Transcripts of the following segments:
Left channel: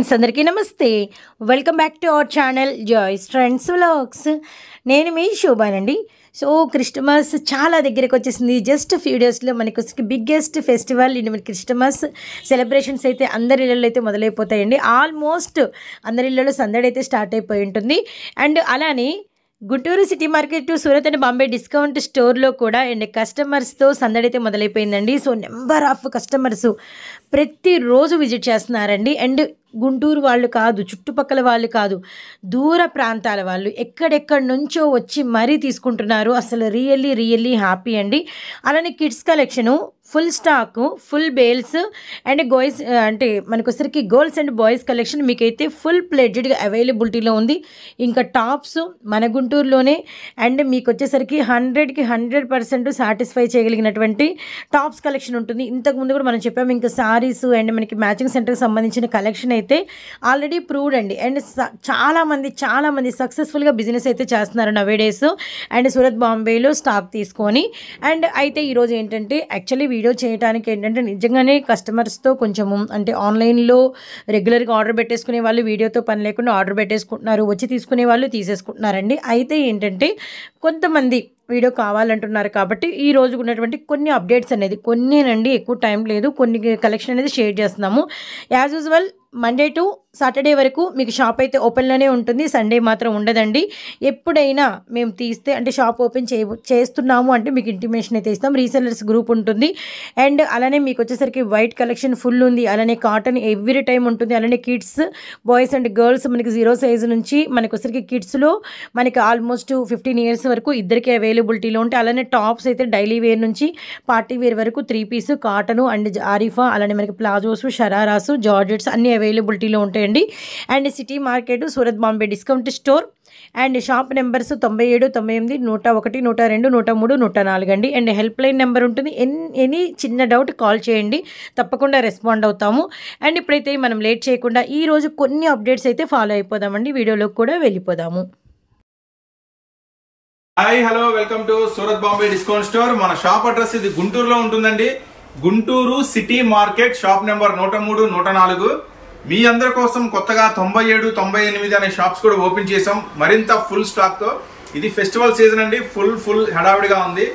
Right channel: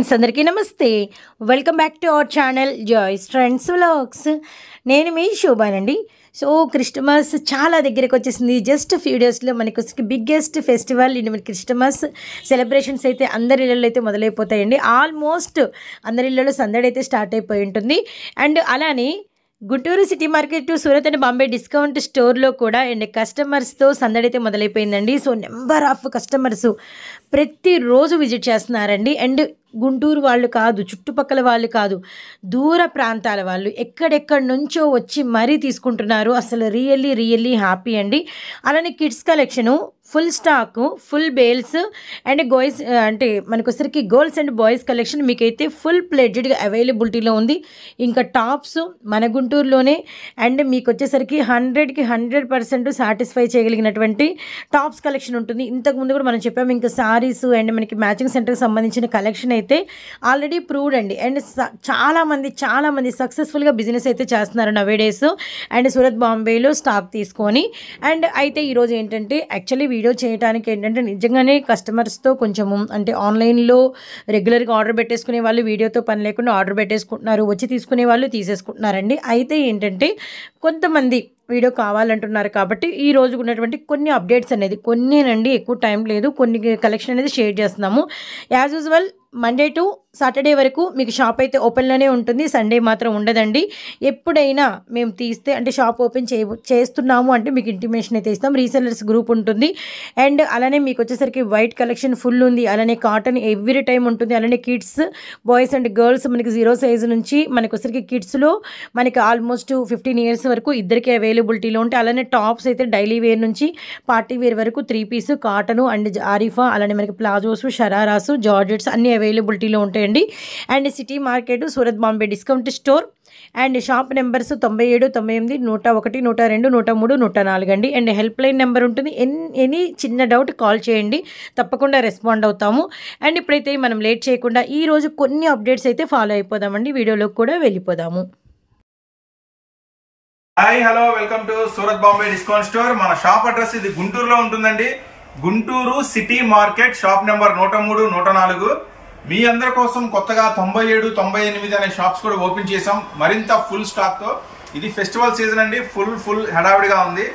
అందరికీ నమస్తే. Welcome back to our channel Joy's Trends Vlogs. నేను మీ శోభానండి. సో క్రిస్టమస్ చాలా దగ్గరికి వచ్చేసింది. జస్ట్ ఫ్యూ డేస్లో మనకి బిగ్గెస్ట్ ఫెస్టివల్ మనకి క్రిస్టమస్ సెలబ్రేషన్స్ అయితే అందరి ఇళ్ళలో అయితే మొదలైపోతాయండి. ఆల్మోస్ట్ అందరి ఇళ్ళలో సందడి అయితే స్టార్ట్ అయిపోయి ఉంటుంది. అండ్ అలానే Guntur city market to Surat and Bombay discount స్టోర్లో కూడా అండ్ కస్టమర్స్తో సందడి అయితే మొదలైపోయిందండి. సో నెంబర్ ఆఫ్ కస్టమర్స్ ప్రతిరోజు విజిట్ చేస్తున్నారండి. అండ్ గుంటూరు వాళ్ళు కాదు, చుట్టుపక్కల వాళ్ళు కాదు, దూర ప్రాంతాల వాళ్ళు ఎక్కడెక్కడి నుంచో వచ్చి మరీ తీసుకుంటున్నారు. అసలు రియల్లీ హ్యాపీ అండి. అలానే kids collection full stack, full bales and girls అంటే మనకొసరికి గర్ల్స్ అండ్ బాయ్స్ కలెక్షన్ మీకైతే ఫుల్ ప్లెడ్జ్డ్గా అవైలబిలిటీలో ఉంది. ఇంకా టాప్స్ మన గుంటూరులోనే అండ్ మీకు వచ్చేసరికి 100కి 100% సాటిస్ఫై చేయగలిగినటువంటి టాప్స్ కలెక్షన్ ఉంటుంది. ఇంతకుముందు కూడా మనం చెప్పాము. ఇంకా సారీస్ అండ్ మనకి మ్యాచింగ్ సెంటర్కి సంబంధించిన కలెక్షన్ అయితే ఆల్రెడీ ప్రూవ్డ్ అండి. అండ్ చాలామంది సక్సెస్ఫుల్గా బిజినెస్ అయితే చేస్తున్నారు నవేడేస్ అండ్ సూరత్ బాంబేలో స్టాక్ తీసుకొని. అండ్ అయితే ఈరోజు ఏంటంటే యాక్చువల్లీ వీడియో చేయడానికి ఏంటంటే నిజంగానే కస్టమర్స్తో కొంచెము అంటే ఆన్లైన్లో రెగ్యులర్గా ఆర్డర్ పెట్టేసుకునే వాళ్ళు వీడియోతో పని లేకుండా ఆర్డర్ పెట్టేసుకుంటున్నారు, వచ్చి తీసుకునే వాళ్ళు తీసేసుకుంటున్నారండి. అయితే ఏంటంటే కొంతమంది వీడియో కావాలంటున్నారు కాబట్టి ఈ రోజు ఉన్నటువంటి కొన్ని అప్డేట్స్ అనేది కొన్నేనండి, ఎక్కువ టైం లేదు, కొన్ని కలెక్షన్ అనేది షేర్ చేస్తున్నాము. As usual Monday to Saturday వరకు మీకు షాప్ అయితే ఓపెన్లోనే ఉంటుంది. సండే మాత్రం ఉండదండి. ఎప్పుడైనా మేము తీస్తే అంటే షాప్ ఓపెన్ చేస్తున్నాము అంటే మీకు ఇంటిమేషన్ అయితే ఇస్తాం. రీసెల్లర్స్ గ్రూప్ ఉంటుంది. అండ్ అలానే మీకు వచ్చేసరికి వైట్ కలెక్షన్ ఫుల్ ఉంది. అలానే కాటన్ ఎవ్రీ టైం ఉంటుంది. అలానే కిడ్స్, బాయ్స్ అండ్ గర్ల్స్ మనకి 0 సైజు నుంచి మనకి వచ్చేసరికి కిడ్స్లో మనకి ఆల్మోస్ట్ 15 ఇయర్స్ వరకు ఇద్దరికి అవైలబిలిటీలో ఉంటాయి. అలానే టాప్స్ అయితే డైలీ వేర్ నుంచి పార్టీ వేర్ వరకు 3 పీస్ కాటను అండ్ ఆరిఫా, అలానే మనకి ప్లాజోస్, షరారాసు, జార్జెట్స్ అన్ని అవైలబిలిటీలో ఉంటాయండి. And city market Surat Bombay discount store and shop numbers 97, 98, 101, 102, 103, 104 అండి. అండ్ హెల్ప్ లైన్ నెంబర్ ఉంటుంది. ఎనీ చిన్న డౌట్ కాల్ చేయండి, తప్పకుండా రెస్పాండ్ అవుతాము. అండ్ ఇప్పుడైతే మనం లేట్ చేయకుండా ఈరోజు కొన్ని అప్డేట్స్ అయితే ఫాలో అయిపోదామండి. వీడియోలోకి కూడా వెళ్ళిపోదాము. Hi hello, welcome to Surat Bombay discount store. మన షాప్ అడ్రస్ ఇది గుంటూరులో ఉంటుందండి. Guntur city market shop number 103, 104. మీ అందరి కోసం కొత్తగా 97, 98 అనే షాప్స్ కూడా ఓపెన్ చేసాం, మరింత ఫుల్ స్టాక్ తో. ఇది ఫెస్టివల్ సీజన్ అండి, ఫుల్ హడావిడిగా ఉంది.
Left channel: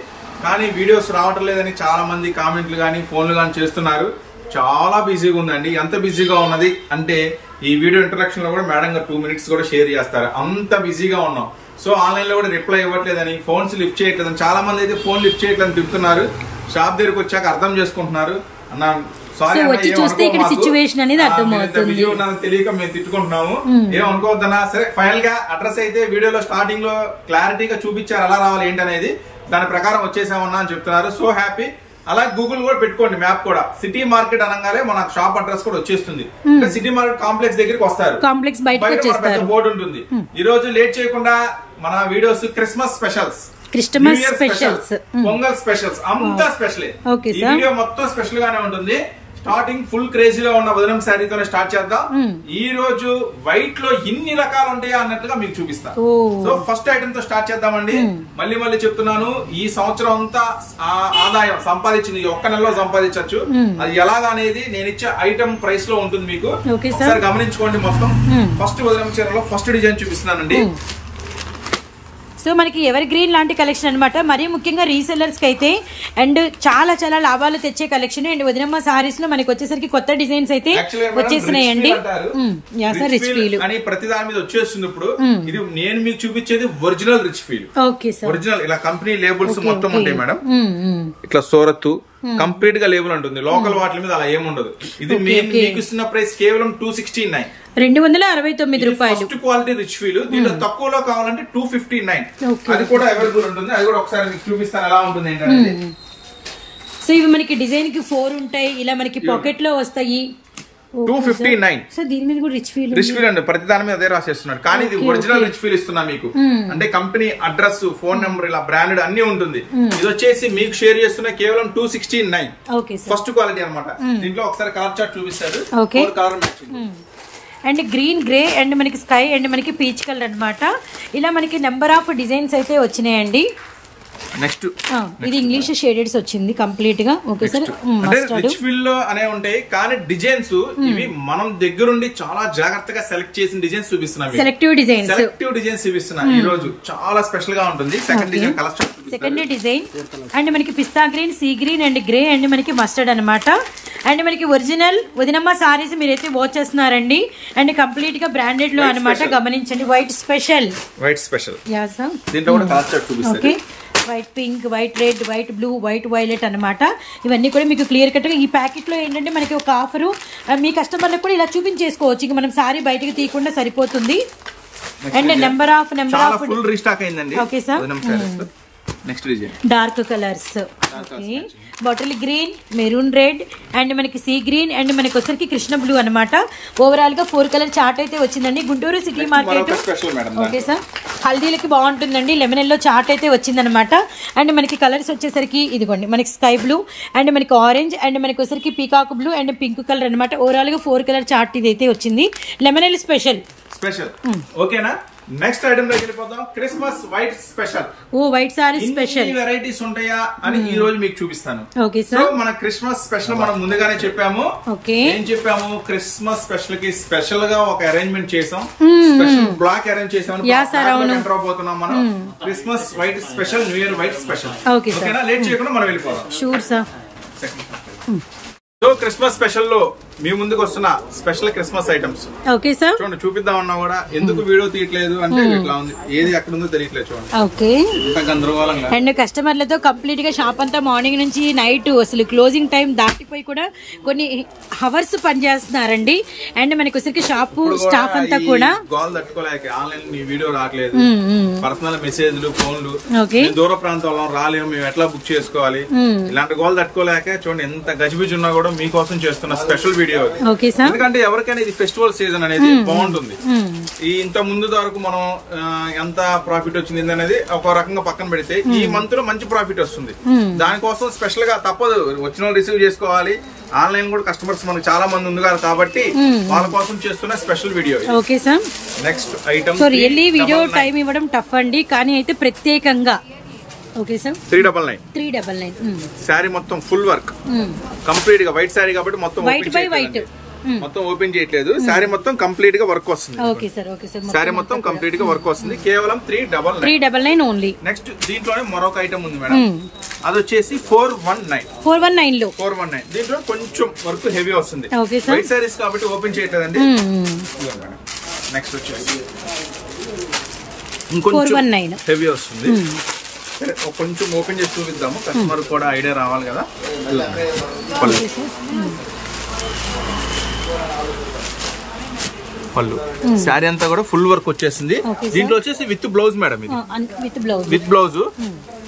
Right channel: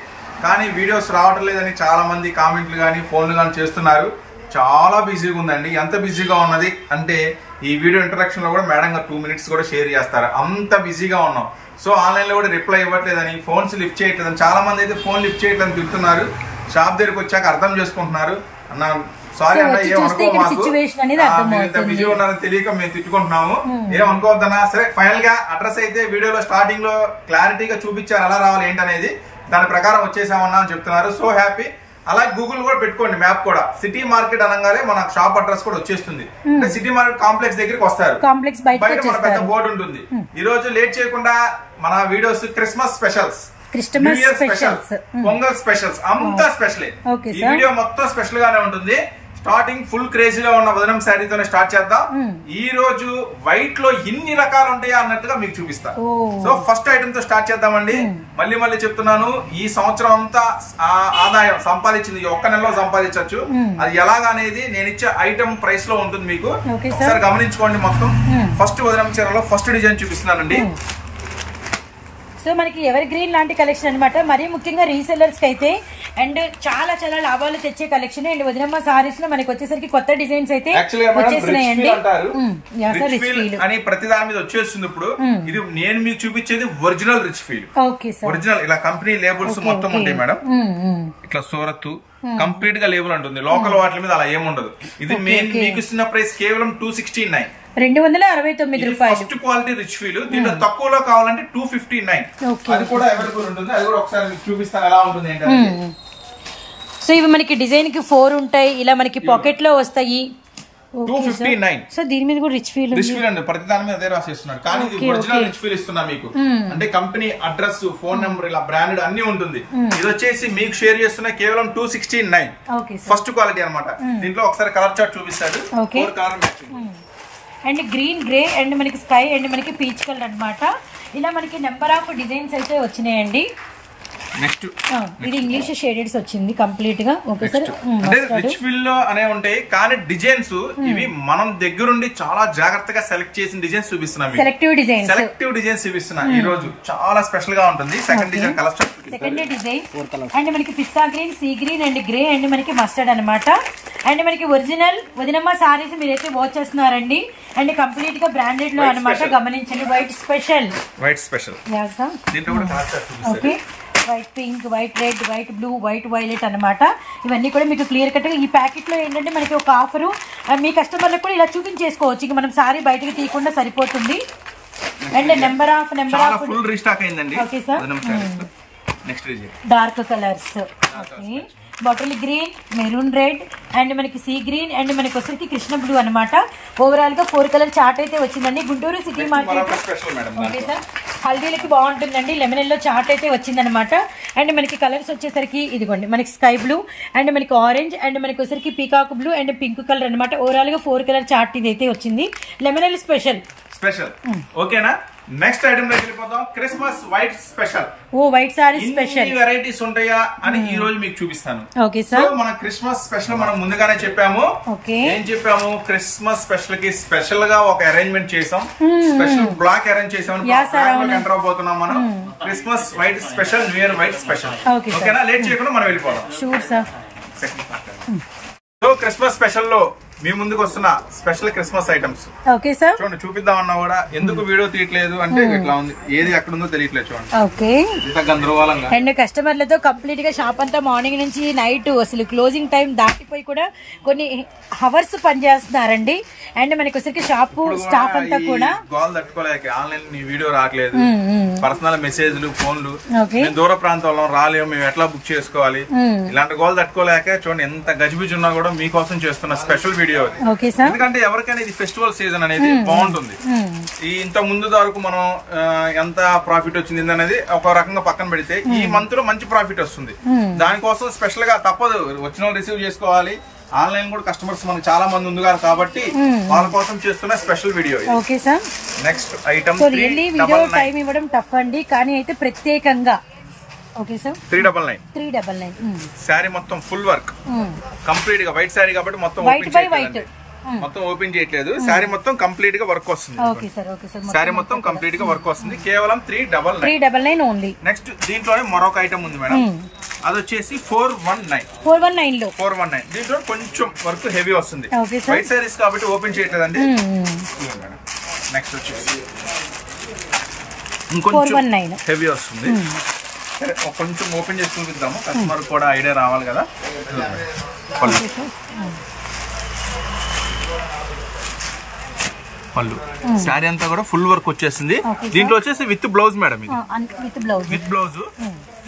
కానీ వీడియోస్ రావటం లేదని చాలా మంది కామెంట్లు కానీ ఫోన్లు కానీ చేస్తున్నారు. చాలా బిజీగా ఉందండి. ఎంత బిజీగా ఉన్నది అంటే ఈ వీడియో ఇంట్రడక్షన్ లో కూడా మేడం గారు 2 మినిట్స్ కూడా షేర్ చేస్తారు. అంత బిజీగా ఉన్నాం. సో ఆన్లైన్ లో కూడా రిప్లై ఇవ్వట్లేదని, ఫోన్స్ లిఫ్ట్ చేయట్లేదని, చాలా మంది అయితే ఫోన్ లిఫ్ట్ చేయట్లేదని తిడుతున్నారు. షాప్ దగ్గరకు వచ్చాక అర్థం చేసుకుంటున్నారు. అన్న సారీ అన్న, బిజీ ఉన్నానని తెలియక మేము తిట్టుకుంటున్నాము, ఏమనుకోవద్దన్నా. సరే, ఫైనల్ గా అడ్రస్ అయితే వీడియోలో స్టార్టింగ్ లో క్లారిటీగా చూపించారు ఎలా రావాలి ఏంటనేది. దాని ప్రకారం వచ్చేసామన్నా అని చెప్తున్నారు. So happy. అలాగే గూగుల్ కూడా పెట్టుకోండి, మ్యాప్ కూడా సిటీ మార్కెట్ అనగానే మన షాప్ అడ్రస్ కూడా వచ్చేస్తుంది. అంటే సిటీ మార్కెట్ కాంప్లెక్స్ దగ్గరికి వస్తారు, బయట మన పెద్ద బోర్డు ఉంటుంది. ఈ రోజు లేట్ చేయకుండా మన videos Christmas specials, pongal specials అంతా స్పెషలే. ఈ వీడియో మొత్తం స్పెషల్ గానే ఉంటుంది. స్టార్టింగ్ ఫుల్ క్రేజీగా ఉన్న వదనం శారీతోనే స్టార్ట్ చేద్దాం. ఈ రోజు వైట్ లో ఇన్ని రకాలు ఉంటాయా అన్నట్లుగా మీకు చూపిస్తా. సో ఫస్ట్ ఐటమ్ తో స్టార్ట్ చేద్దామండి. మళ్ళీ చెప్తున్నాను, ఈ సంవత్సరం అంతా ఆదాయం సంపాదించింది ఒక్క నెలలో సంపాదించవచ్చు. అది ఎలాగా అనేది నేను ఇచ్చే ఐటమ్ ప్రైస్ లో ఉంటుంది. మీకు ఒకసారి గమనించుకోండి. మొత్తం ఫస్ట్ వదనం చీరలో ఫస్ట్ డిజైన్ చూపిస్తున్నానండి. సో మనకి ఎవర్ గ్రీన్ లాంటి కలెక్షన్ అనమాట. మరీ ముఖ్యంగా రీసెల్లర్స్కి అయితే అండ్ చాలా లాభాలు తెచ్చే కలెక్షన్. అండ్ వదినమ్మ సారీస్ లో మనకి వచ్చేసరికి కొత్త డిజైన్స్ అయితే వచ్చేసినాయండి. అని ప్రతి దాని మీద వచ్చేస్తుంది. ఇప్పుడు ఇది నేను మీకు చూపించేది ఒరిజినల్ రిచ్ ఫీల్. ఒరిజినల్ ఇలా కంపెనీ లేబుల్స్ మొత్తం ఉంటాయి మేడం. ఇట్లా సూరత్ కంప్లీట్ గా లేబుల్ ఉంటుంది. లోకల్ వాటి మీద అలా ఏముండదు. ఇది మీకు ఇస్తున్న ప్రైస్ కేవలం 269, 269 రూపాయలు. First quality rich feel. దీంట్లో తక్కువలో కావాలంటే 259. అది కూడా అవైలబుల్ ఉంటుంది. అది కూడా ఒకసారి మీకు చూపిస్తాను ఎలా ఉంటుంది ఏంటంటే. సో ఇవి మనకి డిజైన్ కి 4 ఉంటాయి. ఇలా మనకి పాకెట్ లో వస్తాయి. 259. సో దీని మీద కూడా రిచ్ ఫీల్ అండి. ప్రతి దాని మీద అదే రాసేస్తున్నారు. కానీ ఇది ఒరిజినల్ రిచ్ ఫీల్ ఇస్తున్నా మీకు. అంటే కంపెనీ అడ్రస్, ఫోన్ నెంబర్, ఇలా బ్రాండెడ్ అన్ని ఉంటుంది. ఇది వచ్చేసి మీకు షేర్ చేస్తున్న కేవలం 269. ఫస్ట్ క్వాలిటీ అనమాట. దీంట్లో ఒకసారి కలర్ చార్ట్ చూపిస్తాడు. అండ్ గ్రీన్, గ్రే అండ్ మనకి స్కై అండ్ మనకి పీచ్ కలర్ అనమాట. ఇలా మనకి నెంబర్ ఆఫ్ డిజైన్స్ అయితే వచ్చినాయండి. నెక్స్ట్ ఇది ఇంగ్లీష్ షేడెడ్స్ వచ్చింది కంప్లీట్ గా. ఓకే సార్, రిచ్ ఫీల్ లో అనే ఉంటాయి కానీ డిజైన్స్ ఇవి మనం దగ్గరుండి చాలా జాగ్రత్తగా సెలెక్ట్ చేసిన డిజైన్స్ చూపిస్తున్నాం. సెలెక్టివ్ డిజైన్స్ చూపిస్తున్నా ఈ రోజు. చాలా స్పెషల్ గా ఉంటుంది. Second design colour second design and మనకి pista green, sea green and grey and మనకి మస్టర్డ్ అనమాట. అండ్ మనకి ఒరిజినల్ వదినమ్మ సారీస్ మీరైతే వాచ్ చేస్తున్నారండి. అండ్ కంప్లీట్ గా బ్రాండెడ్ లో అనమాట. గమనించండి, white special. Okay, white pink, white red, white blue, white violet అనమాట. ఇవన్నీ కూడా మీకు క్లియర్ కట్ గా ఈ ప్యాకెట్ లో ఏంటంటే మనకి ఒక ఆఫరు మీ కస్టమర్లకు కూడా ఇలా చూపించేసుకోవచ్చు. ఇక మనం సారీ బయటకి తీయకుండా సరిపోతుంది. And number of full restock అయిందండి. Okay sir, next design dark colours. Okay, bottle green, maroon red and మనకి సీ గ్రీన్ అండ్ మనకి వచ్చరికి కృష్ణ బ్లూ అనమాట. ఓవరాల్ గా 4 కలర్ చార్ట్ అయితే వచ్చిందండి. Guntur city market. Okay sir, హల్దీలకి బాగుంటుందండి. లెమన్ ఎల్లో చార్ట్ అయితే వచ్చిందనమాట. అండ్ మనకి కలర్స్ వచ్చేసరికి ఇదిగోండి, మనకి స్కై బ్లూ అండ్ మనకి ఆరెంజ్ అండ్ మనకి వచ్చరికి peacock blue and pink colour అనమాట. ఓవరాల్ గా 4 కలర్ చార్ట్ ఇది అయితే వచ్చింది. Lemon yellow special. ఓకేనా? నెక్స్ట్ ఐటమ్ లోకి వెళ్ళిపోతాం. Christmas white special. ఓ, వైట్ సారీ స్పెషల్. వెరైటీస్ ఉంటాయా అని ఈ రోజు మీకు చూపిస్తాను. ఓకే సార్, మన క్రిస్మస్ స్పెషల్ మనం ముందుగానే చెప్పాము. ఓకే, ఏం చెప్పాము? క్రిస్మస్ స్పెషల్ కి స్పెషల్ గా ఒక అరేంజ్మెంట్ చేసాం. స్పెషల్ బ్లాక్ అరేంజ్ చేసాం. ఎంటర్ అవబోతున్నాం మనం. Christmas white special, new year white special. ఓకేనా? లేట్ చేయకుండా మనం వెళ్ళిపోదాం. Sure sir. So Christmas special లో మీ ముందుకు వస్తున్న special Christmas items. Okay sir, చూడండి, చూపిద్దామన్నా కూడా ఎందుకు వీడియో తీయట్లేదు అంటే ఇట్లా ఉంది, ఏది ఎక్కడ ఉందో తెలియట్లేదు. చూడండి, ఓకే, ఇంత గందరగోళంగా. అండ్ కస్టమర్లతో కంప్లీట్ గా షాప్ అంతా మార్నింగ్ నుంచి నైట్ అసలు క్లోజింగ్ టైం దాటిపోయి కూడా కొన్ని హవర్స్ పనిచేస్తున్నారండి. అండ్ మనకి వచ్చరికి షాప్ స్టాఫ్ అంతా కూడా గోల్ తట్టుకోలేక ఆన్లైన్ వీడియో రావట్లేదు, పర్సనల్ మెసేజ్లు, ఫోన్లు, దూర ప్రాంతంలో రాలేము, మేము ఎట్లా బుక్ చేసుకోవాలి, ఇలాంటి గోల్ తట్టుకోలేక చూడండి ఎంత గజిబిజి ఉన్నా కూడా మీకోసం చేస్తున్న స్పెషల్ వీడియో. ఎందుకంటే ఎవరికైనా ఇది ఫెస్టివల్ సీజన్ అనేది బాగుంటుంది. ఈ ఇంత ముందు వరకు మనం ఎంత ప్రాఫిట్ వచ్చింది అనేది ఒక రకంగా పక్కన పెడితే ఈ మంత్ లో మంచి ప్రాఫిట్ వస్తుంది. దానికోసం స్పెషల్ గా తప్పదు, వచ్చిన వాళ్ళు రిసీవ్ చేసుకోవాలి. ఆన్లైన్ కూడా కస్టమర్స్ మనకు చాలా మంది ఉంది కాబట్టి వాళ్ళ కోసం చేస్తున్న special video. Okay sir, next item. So really video time ఇవ్వడం టఫ్ అండి, కానీ అయితే ప్రత్యేకంగా. ఓకే సార్, 399 శారీ మొత్తం ఫుల్ వర్క్ కంప్లీట్ గా. వైట్ శారీ కాబట్టి మొత్తం వైట్ బై వైట్ మొత్తం ఓపెన్ చేయట్లేదు. శారీ మొత్తం కంప్లీట్ గా వర్క్ వస్తుంది. Okay sir, okay sir, sari మొత్తం కంప్లీట్ గా వర్క్ వస్తుంది. కేవలం 399 ఓన్లీ. నెక్స్ట్ దీంట్లోనే మరొక ఐటమ్ ఉంది మేడం, అది వచ్చేసి 419 లో 419. దీంట్లో కొంచెం వర్క్ హెవీ వస్తుంది. వైట్ శారీస్ కాబట్టి ఓపెన్ చేయట్లేదండి. నెక్స్ట్ వచ్చేసి ఇంకొంచెం హెవీ వస్తుంది. సరే, కొంచెం ఓపెన్ చేసి చూపిద్దాము, కస్టమర్ కూడా ఐడియా రావాలి కదా. పళ్ళు శారీ అంతా కూడా ఫుల్ వర్క్ వచ్చేసింది. దీంట్లో వచ్చేసి with blouse madam, with blouse.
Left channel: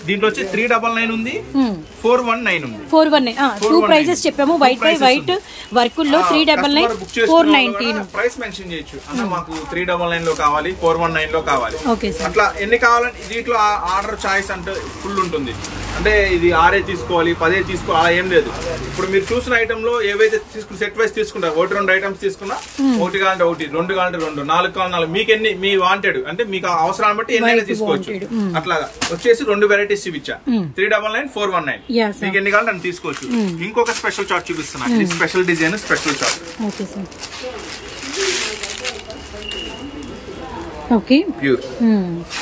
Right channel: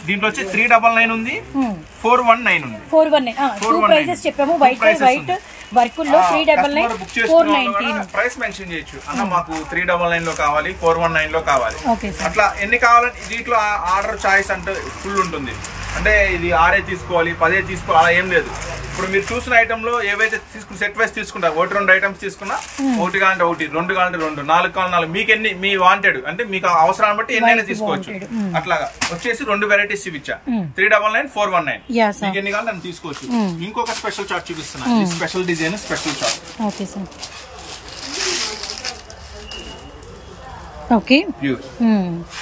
దీంట్లో వచ్చి 399 ఉంది, 419 ఉంది. 419 ప్రైసెస్ చెప్పాము. వైట్ బై వైట్ వర్క్ లో 399, 419. ప్రైస్ మెన్షన్ చేయొచ్చు అన్న, మాకు 399 లో కావాలి, 419 లో కావాలి, అట్లా ఎన్ని కావాలంటే. దీంట్లో ఆర్డర్ చాయిస్ అంటే ఫుల్ ఉంటుంది. అంటే ఇది 6 తీసుకోవాలి, 10 తీసుకోవాలి, అలా ఏం లేదు. ఇప్పుడు మీరు చూసిన ఐటమ్ లో ఏవైతే సెట్ వైస్ తీసుకుంటారు, 1-2 ఐటమ్స్ తీసుకున్నా, 1 కావాలంటే 1, 2 కావాలంటే 2, 4 కావాలంటే 4, మీకు ఎన్ని మీ వాంటెడ్ అంటే మీకు అవసరాన్ని బట్టి ఎన్నైనా తీసుకోవచ్చు. అట్లాగా వచ్చేసి 2 వెరైటీస్ చూపించా, 399, 419. మీకు ఎన్ని కావాలంటే అన్ని తీసుకోవచ్చు. ఇంకొక స్పెషల్ చార్ట్ చూపిస్తున్నా, special design, special chart.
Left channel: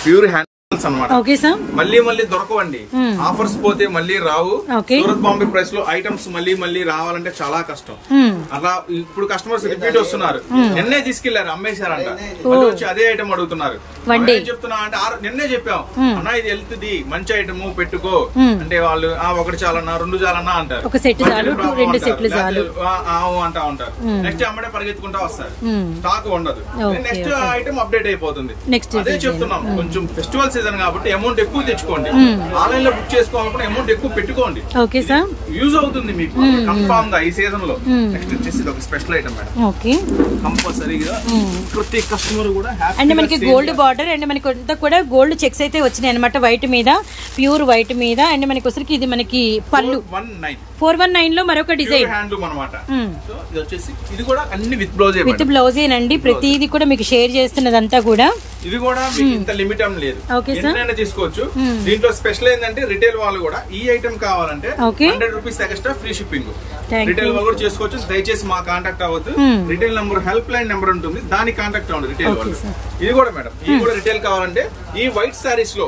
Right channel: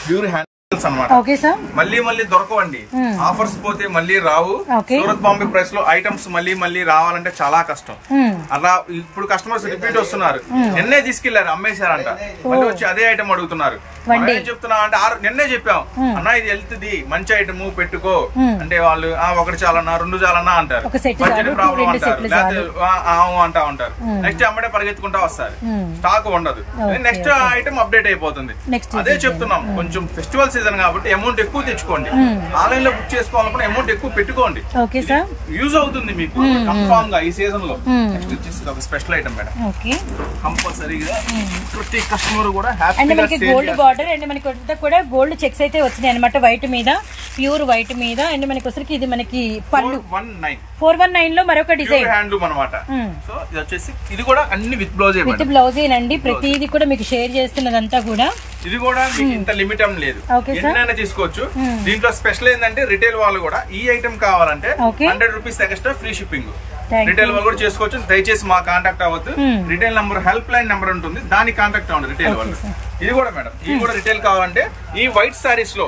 Pure hand అన్నమాట. మళ్ళీ మళ్ళీ దొరకవండి, ఆఫర్స్ పోతే మళ్ళీ రావు. సూరత్ బాంబే ప్రైస్ లో ఐటమ్స్ మళ్ళీ రావాలంటే చాలా కష్టం. అలా ఇప్పుడు కస్టమర్స్ రిపీట్ వస్తున్నారు. నిన్నే తీసుకెళ్లారు, అమ్మేశారంట, మళ్ళీ వచ్చి అదే ఐటమ్ అడుగుతున్నారు. చెప్తున్నా అంటే నిన్నే చెప్పాం అన్న, ఇది వెళ్తుంది, మంచి ఐటమ్ పెట్టుకో అంటే వాళ్ళు 1 చాలన్నా 2 చాలన్నా అంటారు, అంటా ఉంటారు. నెక్స్ట్ అమ్మడే పరిగెత్తుకుంటా వస్తారు, స్టాక్ ఉండదు. నెక్స్ట్ ఐటమ్ అప్డేట్ అయిపోతుంది. అదే చెప్తున్నాం, కొంచెం ఫెస్టివల్ సీజన్ కాబట్టి అమౌంట్ ఎక్కువ తెచ్చుకోండి. ఆన్లైన్ లో బుక్ చేసుకోవాలనుకుంటే అమౌంట్ ఎక్కువ పెట్టుకోండి, యూజ్ అవుతుంది మీకు కన్ఫామ్ గా ఈ సీజన్ లో. నెక్స్ట్ వచ్చేసి ఇది ఒక స్పెషల్ ఐటమ్ మేడం, కంపల్సరీగా ప్రతి కస్టమర్ కూడా హ్యాపీ. గోల్డ్ బార్డర్ అండ్ మనకి అంతా కూడా గోల్డ్ చెక్స్ అయితే వచ్చినాయి అనమాట, వైట్ మీద, ప్యూర్ వైట్ మీద. అండ్ మనకి వచ్చరికి ఇది మనకి పళ్ళు 419 లో మరొక డిజైన్ హ్యాండ్లూమ్ అనమాట. సో ఇది వచ్చేసి ఇది కూడా అన్ని విత్ బ్లౌజ్ బ్లౌజేనండి. ప్రతిదీ కూడా మీకు షేర్ చేస్తున్నదంతా కూడా. ఇది కూడా మీకు ఇంత లిమిట్ ఏం లేదు, ఎన్నైనా తీసుకోవచ్చు. దీంట్లో స్పెషల్ ఏంటంటే రిటైల్ వాళ్ళు కూడా ఈ ఐటమ్ కావాలంటే 100 rupees extra free shipping. Retail వాళ్ళు కూడా చేసుకోవచ్చు. దయచేసి మా కాంటాక్ట్ అవ్వద్దు. Retail number help line number ఉంటుంది, దానికి కాంటాక్ట్ అవ్వండి రిటైల్ వాళ్ళు. ఇది కూడా మేడం, ఇది కూడా రిటైల్ కావాలంటే ఈ వైట్ సారీస్ లో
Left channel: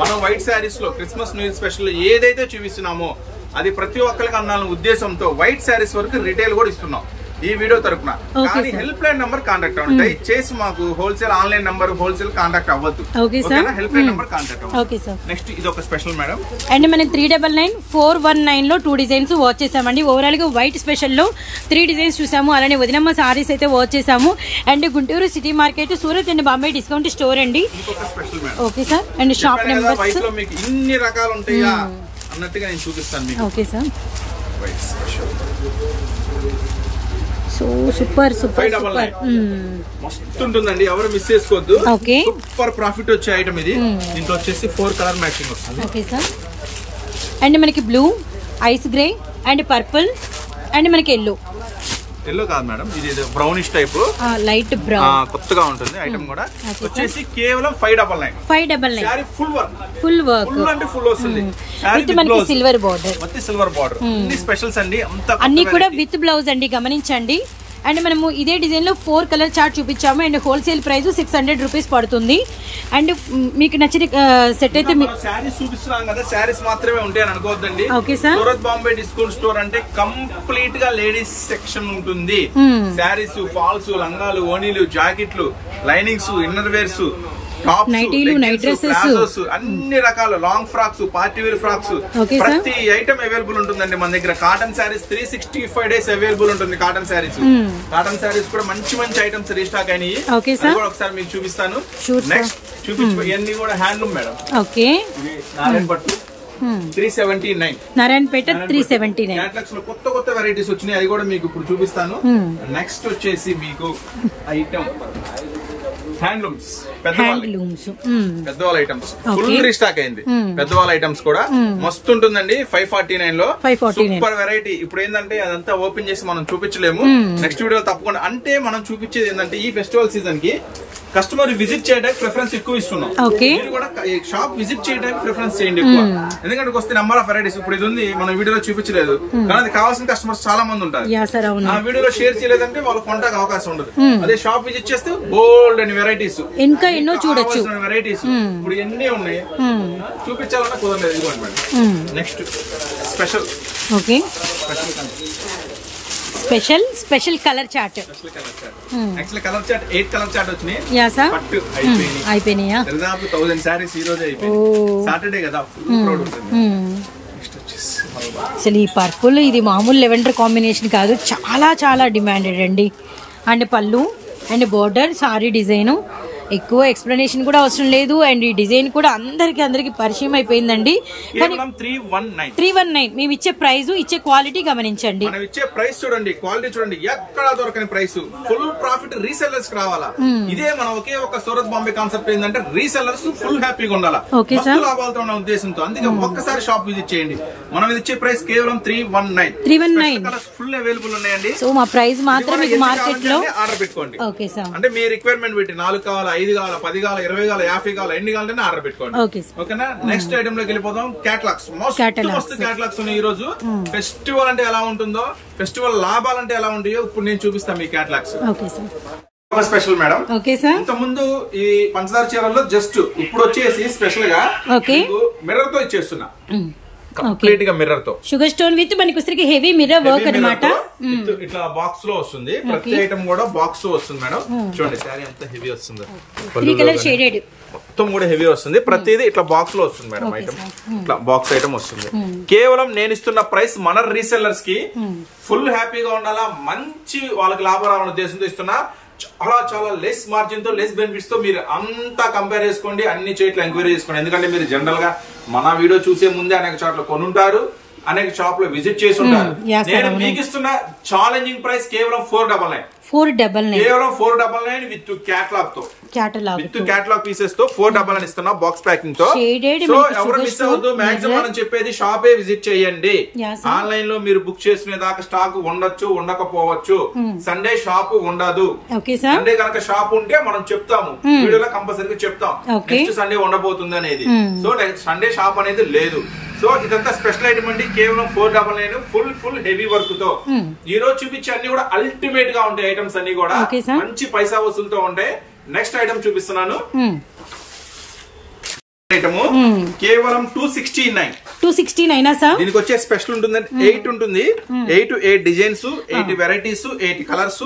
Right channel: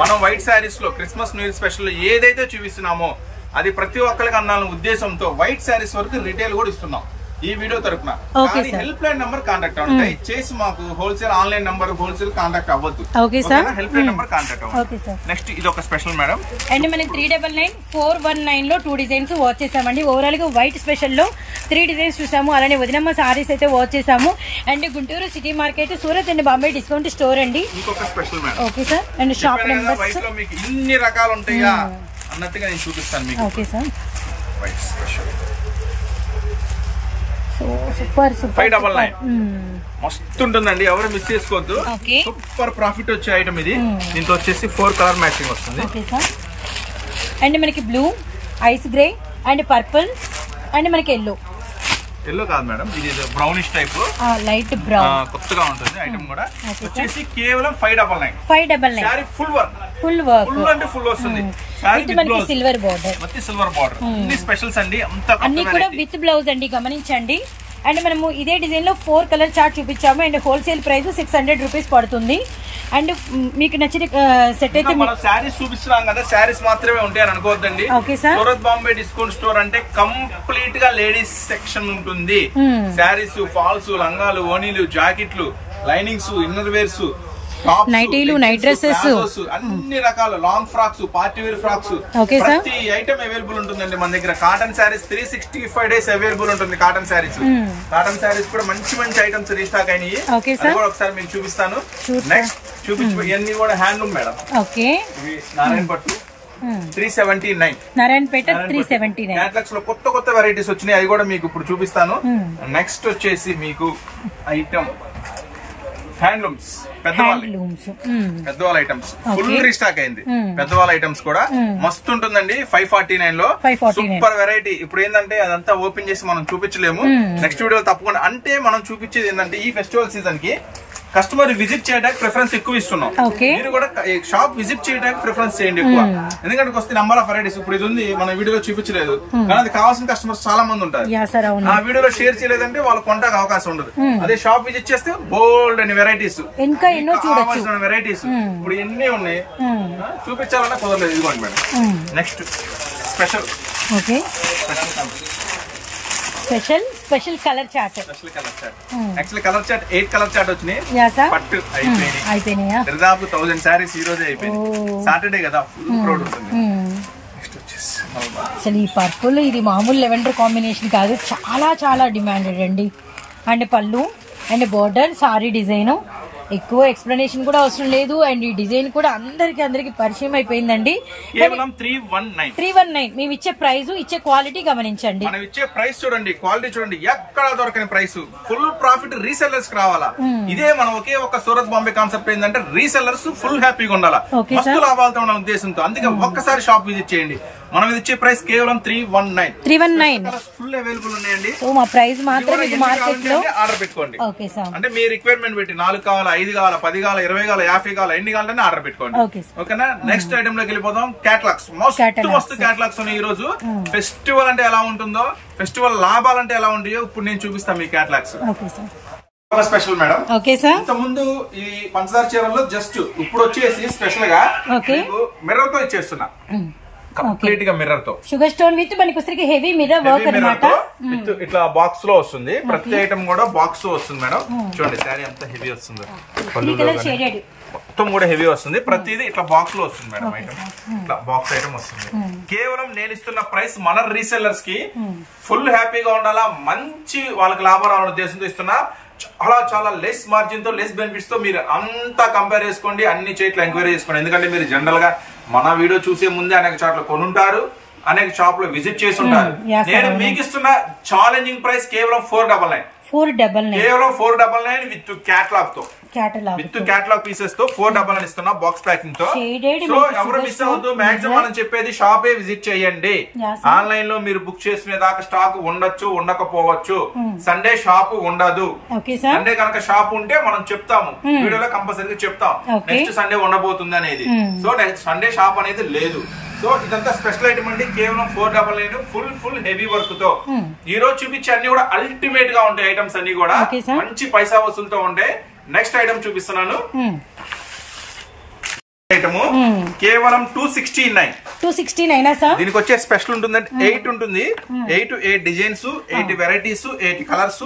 మనం వైట్ సారీస్ లో క్రిస్మస్ న్యూ ఇయర్ స్పెషల్ ఏదైతే చూపిస్తున్నామో అది ప్రతి ఒక్కరికి అందాలనే ఉద్దేశంతో వైట్ సారీస్ వరకు రిటైల్ కూడా ఇస్తున్నాం ఈ వీడియో తరపున. కానీ హెల్ప్ లైన్ నంబర్ కాంటాక్ట్ అవ్వండి. దయచేసి మాకు wholesale online number wholesale contact అవ్వద్దు. హెల్ప్ లైన్ నంబర్ కాంటాక్ట్ అవ్వండి. నెక్స్ట్ ఇది ఒక స్పెషల్ మేడం. అండ్ మనం 399 419 లో 2 డిజైన్స్ వాచ్ చేసామండి. ఓవరాల్ గా వైట్ స్పెషల్ లో 3 డిజైన్స్ చూసాము. అలానే వదినమ్మ సారీస్ అయితే వాచ్ చేసాము. And Guntur city market, Surat and Bombay discount store అండి. Okay sir. And shop numbers ఇన్ని రకాలు ఉంటాయా అన్నట్టుగా నేను చూపిస్తాను మీకు. Okay sir. White special so super super మస్తు ఉంటుందండి, ఎవరు మిస్ చేసుకోవద్దు. సూపర్ ప్రాఫిట్ వచ్చే ఐటమ్ ఇది. దీంట్లో వచ్చేసి 4 కలర్ మ్యాచింగ్ వస్తుంది. Okay sir. అండ్ మనకి blue, ice grey and purple and మనకి ఎల్లో కాదు మేడం, ఇది బ్రౌనిష్ టైప్, లైట్ బ్రౌన్, కొత్తగా ఉంటుంది ఐటమ్ కూడా. వచ్చేసి కేవలం 599 సారీ ఫుల్ వర్క్ అంటే ఫుల్ వస్తుంది. మనకి సిల్వర్ బార్డర్, సిల్వర్ బార్డర్. అన్ని స్పెషల్స్ అండి, అన్ని కూడా విత్ బ్లౌజ్ అండి, గమనించండి. అండ్ మనము ఇదే డిజైన్ లో 4 కలర్ చార్ట్ చూపించాము. అండ్ హోల్సేల్ ప్రైస్ 600 రూపీస్ పడుతుంది. అండ్ మీకు నచ్చిన సెట్ అయితే శారీస్ చూపిస్తున్నాం కదా, శారీస్ మాత్రమే ఉంటాయని అనుకోవద్దండి. Okay sir. Surat Bombay discount store అంటే కంప్లీట్ గా లేడీస్ సెక్షన్ ఉంటుంది. శారీస్, ఫాల్స్, లంగాలు, ఓనీలు, జాకెట్లు, లైనింగ్స్, ఇన్నర్ వేర్స్, నైటీలు, నైట్ డ్రెస్సెస్, అన్ని రకాల long frocks, party wear frocks, ప్రతి ఐటమ్ అవైలబుల్ ఉంటుందండి మన దగ్గర. కాటన్ శారీస్ 365 డేస్ అవైలబుల్ ఉంటుంది. కాటన్ శారీస్ కూడా మంచి మంచి ఐటమ్స్ రీస్టాక్ అయినాయి. ఒకసారి మీకు చూపిస్తాను. నెక్స్ట్ ఇవన్నీ కూడా హ్యాండ్లూమ్ మేడం. ఓకే. నారాయణ పట్టు 379, నారాయణపేట 379. క్యాటలాగ్స్ లో కొత్త కొత్త వెరైటీస్ వచ్చినాయి, అది కూడా మీకు ఇప్పుడు చూపిస్తాను. నెక్స్ట్ వచ్చేసి మీకు ఐటమ్ హ్యాండ్లూమ్స్, పెద్దవాళ్ళ ఐటమ్స్ ఫుల్ రీస్టాక్ అయింది. పెద్దవాళ్ళ ఐటమ్స్ కూడా మస్తు ఉంటుందండి. 549 లో సూపర్ వెరైటీ. ఇప్పుడు ఏంటంటే అదంతా ఓపెన్ చేసి మనం చూపించలేము, నెక్స్ట్ వీడియో తప్పకుండా. అంటే మనం చూపించేది ఏంటంటే ఈ ఫెస్టివల్ సీజన్ కి కస్టమర్ విజిట్ చేయడానికి ప్రిఫరెన్స్ ఎక్కువ ఇస్తున్నాం. మీరు కూడా షాప్ విజిట్ చేయడానికి ప్రిఫరెన్స్ చేయండి ఎక్కువ. ఎందుకంటే వస్తే నెంబర్ ఆఫ్ వెరైటీస్ ఇప్పుడు ఇది ఉంది, మన వీడియోలో చూపించలేదు, కానీ అది కావాల్సిన కస్టమర్స్ చాలా మంది ఉంటారు. ఆ వీడియోలో షేర్ చేయలేదంటే వాళ్ళు కొంటానికి అవకాశం ఉండదు. అదే షాప్ విజిట్ చేస్తే బోల్డ్ అని వెరైటీస్, ఇంకా ఎన్నో చూడొచ్చు వెరైటీస్. ఇప్పుడు ఎన్ని ఉన్నాయి, చూపించాలన్నా కుదరలేదు. ఇదిగోండి madam. Next special. Okay. Special colour chart. Actually colour chart 8 colour chart వచ్చినాయి. పట్టు అయిపోయినాయా? దాదాపు 1000 సారీస్ ఈ రోజే అయిపోయింది. సాటర్డే కదా, ఫుల్ క్రౌడ్ ఉంటుంది. అసలు ఈ పర్పుల్ ఇది మామూలు లెవెండర్ కాంబినేషన్ కాదు, చాలా చాలా డిమాండెడ్ అండి. అండ్ పళ్ళు అండ్ బోర్డర్, సారీ డిజైన్, ఎక్కువ ఎక్స్ప్లెనేషన్ కూడా అవసరం లేదు. అండ్ ఈ డిజైన్ కూడా అందరికి పరిచయం అయిపోయిందండి. 319 మేము ఇచ్చే ప్రైస్, ఇచ్చే క్వాలిటీ గమనించండి. మనం ఇచ్చే ప్రైస్ చూడండి, క్వాలిటీ చూడండి, ఎక్కడ దొరకని ప్రైస్. ఫుల్ ప్రాఫిట్ రీసెల్లర్స్ రావాలా. ఇదే మనం ఒకే ఒక సూరత్ బాంబే కాన్సెప్ట్ ఏంటంటే రీసెల్లర్స్ ఫుల్ హ్యాపీగా ఉండాలా, మస్తు లాభాలతో ఉన్న ఉద్దేశంతో. అందుకే ఒక్కసారి షాప్ విజిట్ చేయండి. మనం ఇచ్చే ప్రైస్ కేవలం 319 ఫుల్ అవైలబుల్ ఉన్నాయండి. సో మా ప్రైస్ మాత్రం మీకు మార్కెట్ లో ఆర్డర్ పెట్టుకోండి. అంటే మీ రిక్వైర్మెంట్ పెట్టి 4 కావాలా, 5 కావాలా, 10 కావాలా, 20 కావాలా, 50 కావాలా, ఎన్ని కావాలంటే ఆర్డర్ పెట్టుకోండి. ఓకేనా? నెక్స్ట్ ఐటమ్ లోకి వెళ్ళిపోదాం. క్యాటలాగ్స్ మస్తు క్యాటలాగ్స్ ఉన్నాయి. ఈ రోజు ఫెస్టివల్ అంటే ఎలా ఉంటుందో, ఫెస్టివల్ లాభాలంటే ఎలా ఉంటాయో ఇప్పుడు నేను చూపిస్తాను మీ క్యాటలాగ్స్. Special madam. ఇంత ముందు ఈ పంచదార చీరల్లో జస్ట్ ఇప్పుడు వచ్చేసి స్పెషల్ గా మిర్రర్ తో ఇచ్చేస్తున్నా. కంప్లీట్ గా మిర్రర్ తో, షుగర్ స్టోన్ విత్ మనకి హెవీ మిర్రర్ వర్క్ అన్నమాట. ఇట్లా బాక్స్ లో వస్తుంది. ప్రతి ఐటమ్ కూడా బాక్స్ లో వస్తుంది మేడం. చూడండి శారీ ఎంత హెవీ వస్తుందో, మొత్తం కూడా హెవీ వస్తుంది. ప్రతిదీ ఇట్లా బాక్స్ లో వస్తుంది మేడం. ఐటమ్ ఇట్లా బాక్స్ ఐటమ్ వస్తుంది. కేవలం నేను ఇస్తున్న ప్రైస్ మన రీసెల్లర్స్ కి ఫుల్ హ్యాపీగా ఉండాలా, మంచి వాళ్ళకి లాభం రావాలనే ఉద్దేశంతో ఇస్తున్నా. చాలా చాలా లెస్ మార్జిన్ తో, లెస్ బెనిఫిట్స్ తో మీరు అంతా కంపేర్ చేసుకోండి, అన్ని చోట్ల ఎంక్వైరీ చేసుకోండి. ఎందుకంటే మీరు జనరల్ గా మన వీడియో చూసే ముందే అనేక చోట్ల కొనుంటారు, అనేక షాప్ లో విజిట్ చేసి ఉంటారు. నేను మీకు ఇస్తున్న ఛాలెంజింగ్ ప్రైస్ కేవలం 499 కేవలం 499 విత్ క్యాటలాగ్ తో విత్ క్యాటలాగ్ పీసెస్ తో 499 ఇస్తున్నా బాక్స్ ప్యాకింగ్ తో. సో ఎవరు మిస్ అవ్వద్దు. మాక్సిమం మనం చెప్పేది షాపే విజిట్ చేయండి. ఆన్లైన్ లో మీరు బుక్ చేసుకునే దాకా స్టాక్ ఉండొచ్చు ఉండకపోవచ్చు. సండే షాప్ ఉండదు. సండే కనుక షాప్ ఉంటే మనం చెప్తాము, వీడియోలో కంపల్సరీగా చెప్తాం నెక్స్ట్ సండే ఉండబోతుంది అనేది. సో సండే షాప్ అనేది లేదు. సో ఇదంతా స్పెషల్ ఐటమ్ అండి, కేవలం 499 ఫుల్ హెవీ వర్క్ తో. ఈ రోజు చూపించే అన్ని కూడా అల్టిమేట్ గా ఉంటాయి ఐటమ్స్ అన్ని కూడా మంచి పైసా వసూలుతో ఉంటాయి. నెక్స్ట్ ఐటమ్ చూపిస్తున్నాను. ఐటమ్ కేవలం 269 సార్. దీనికి వచ్చే స్పెషల్ ఉంటుందంటే 8 ఉంటుంది. 8 డిజైన్స్, 8 వెరైటీస్, 8 కలర్స్,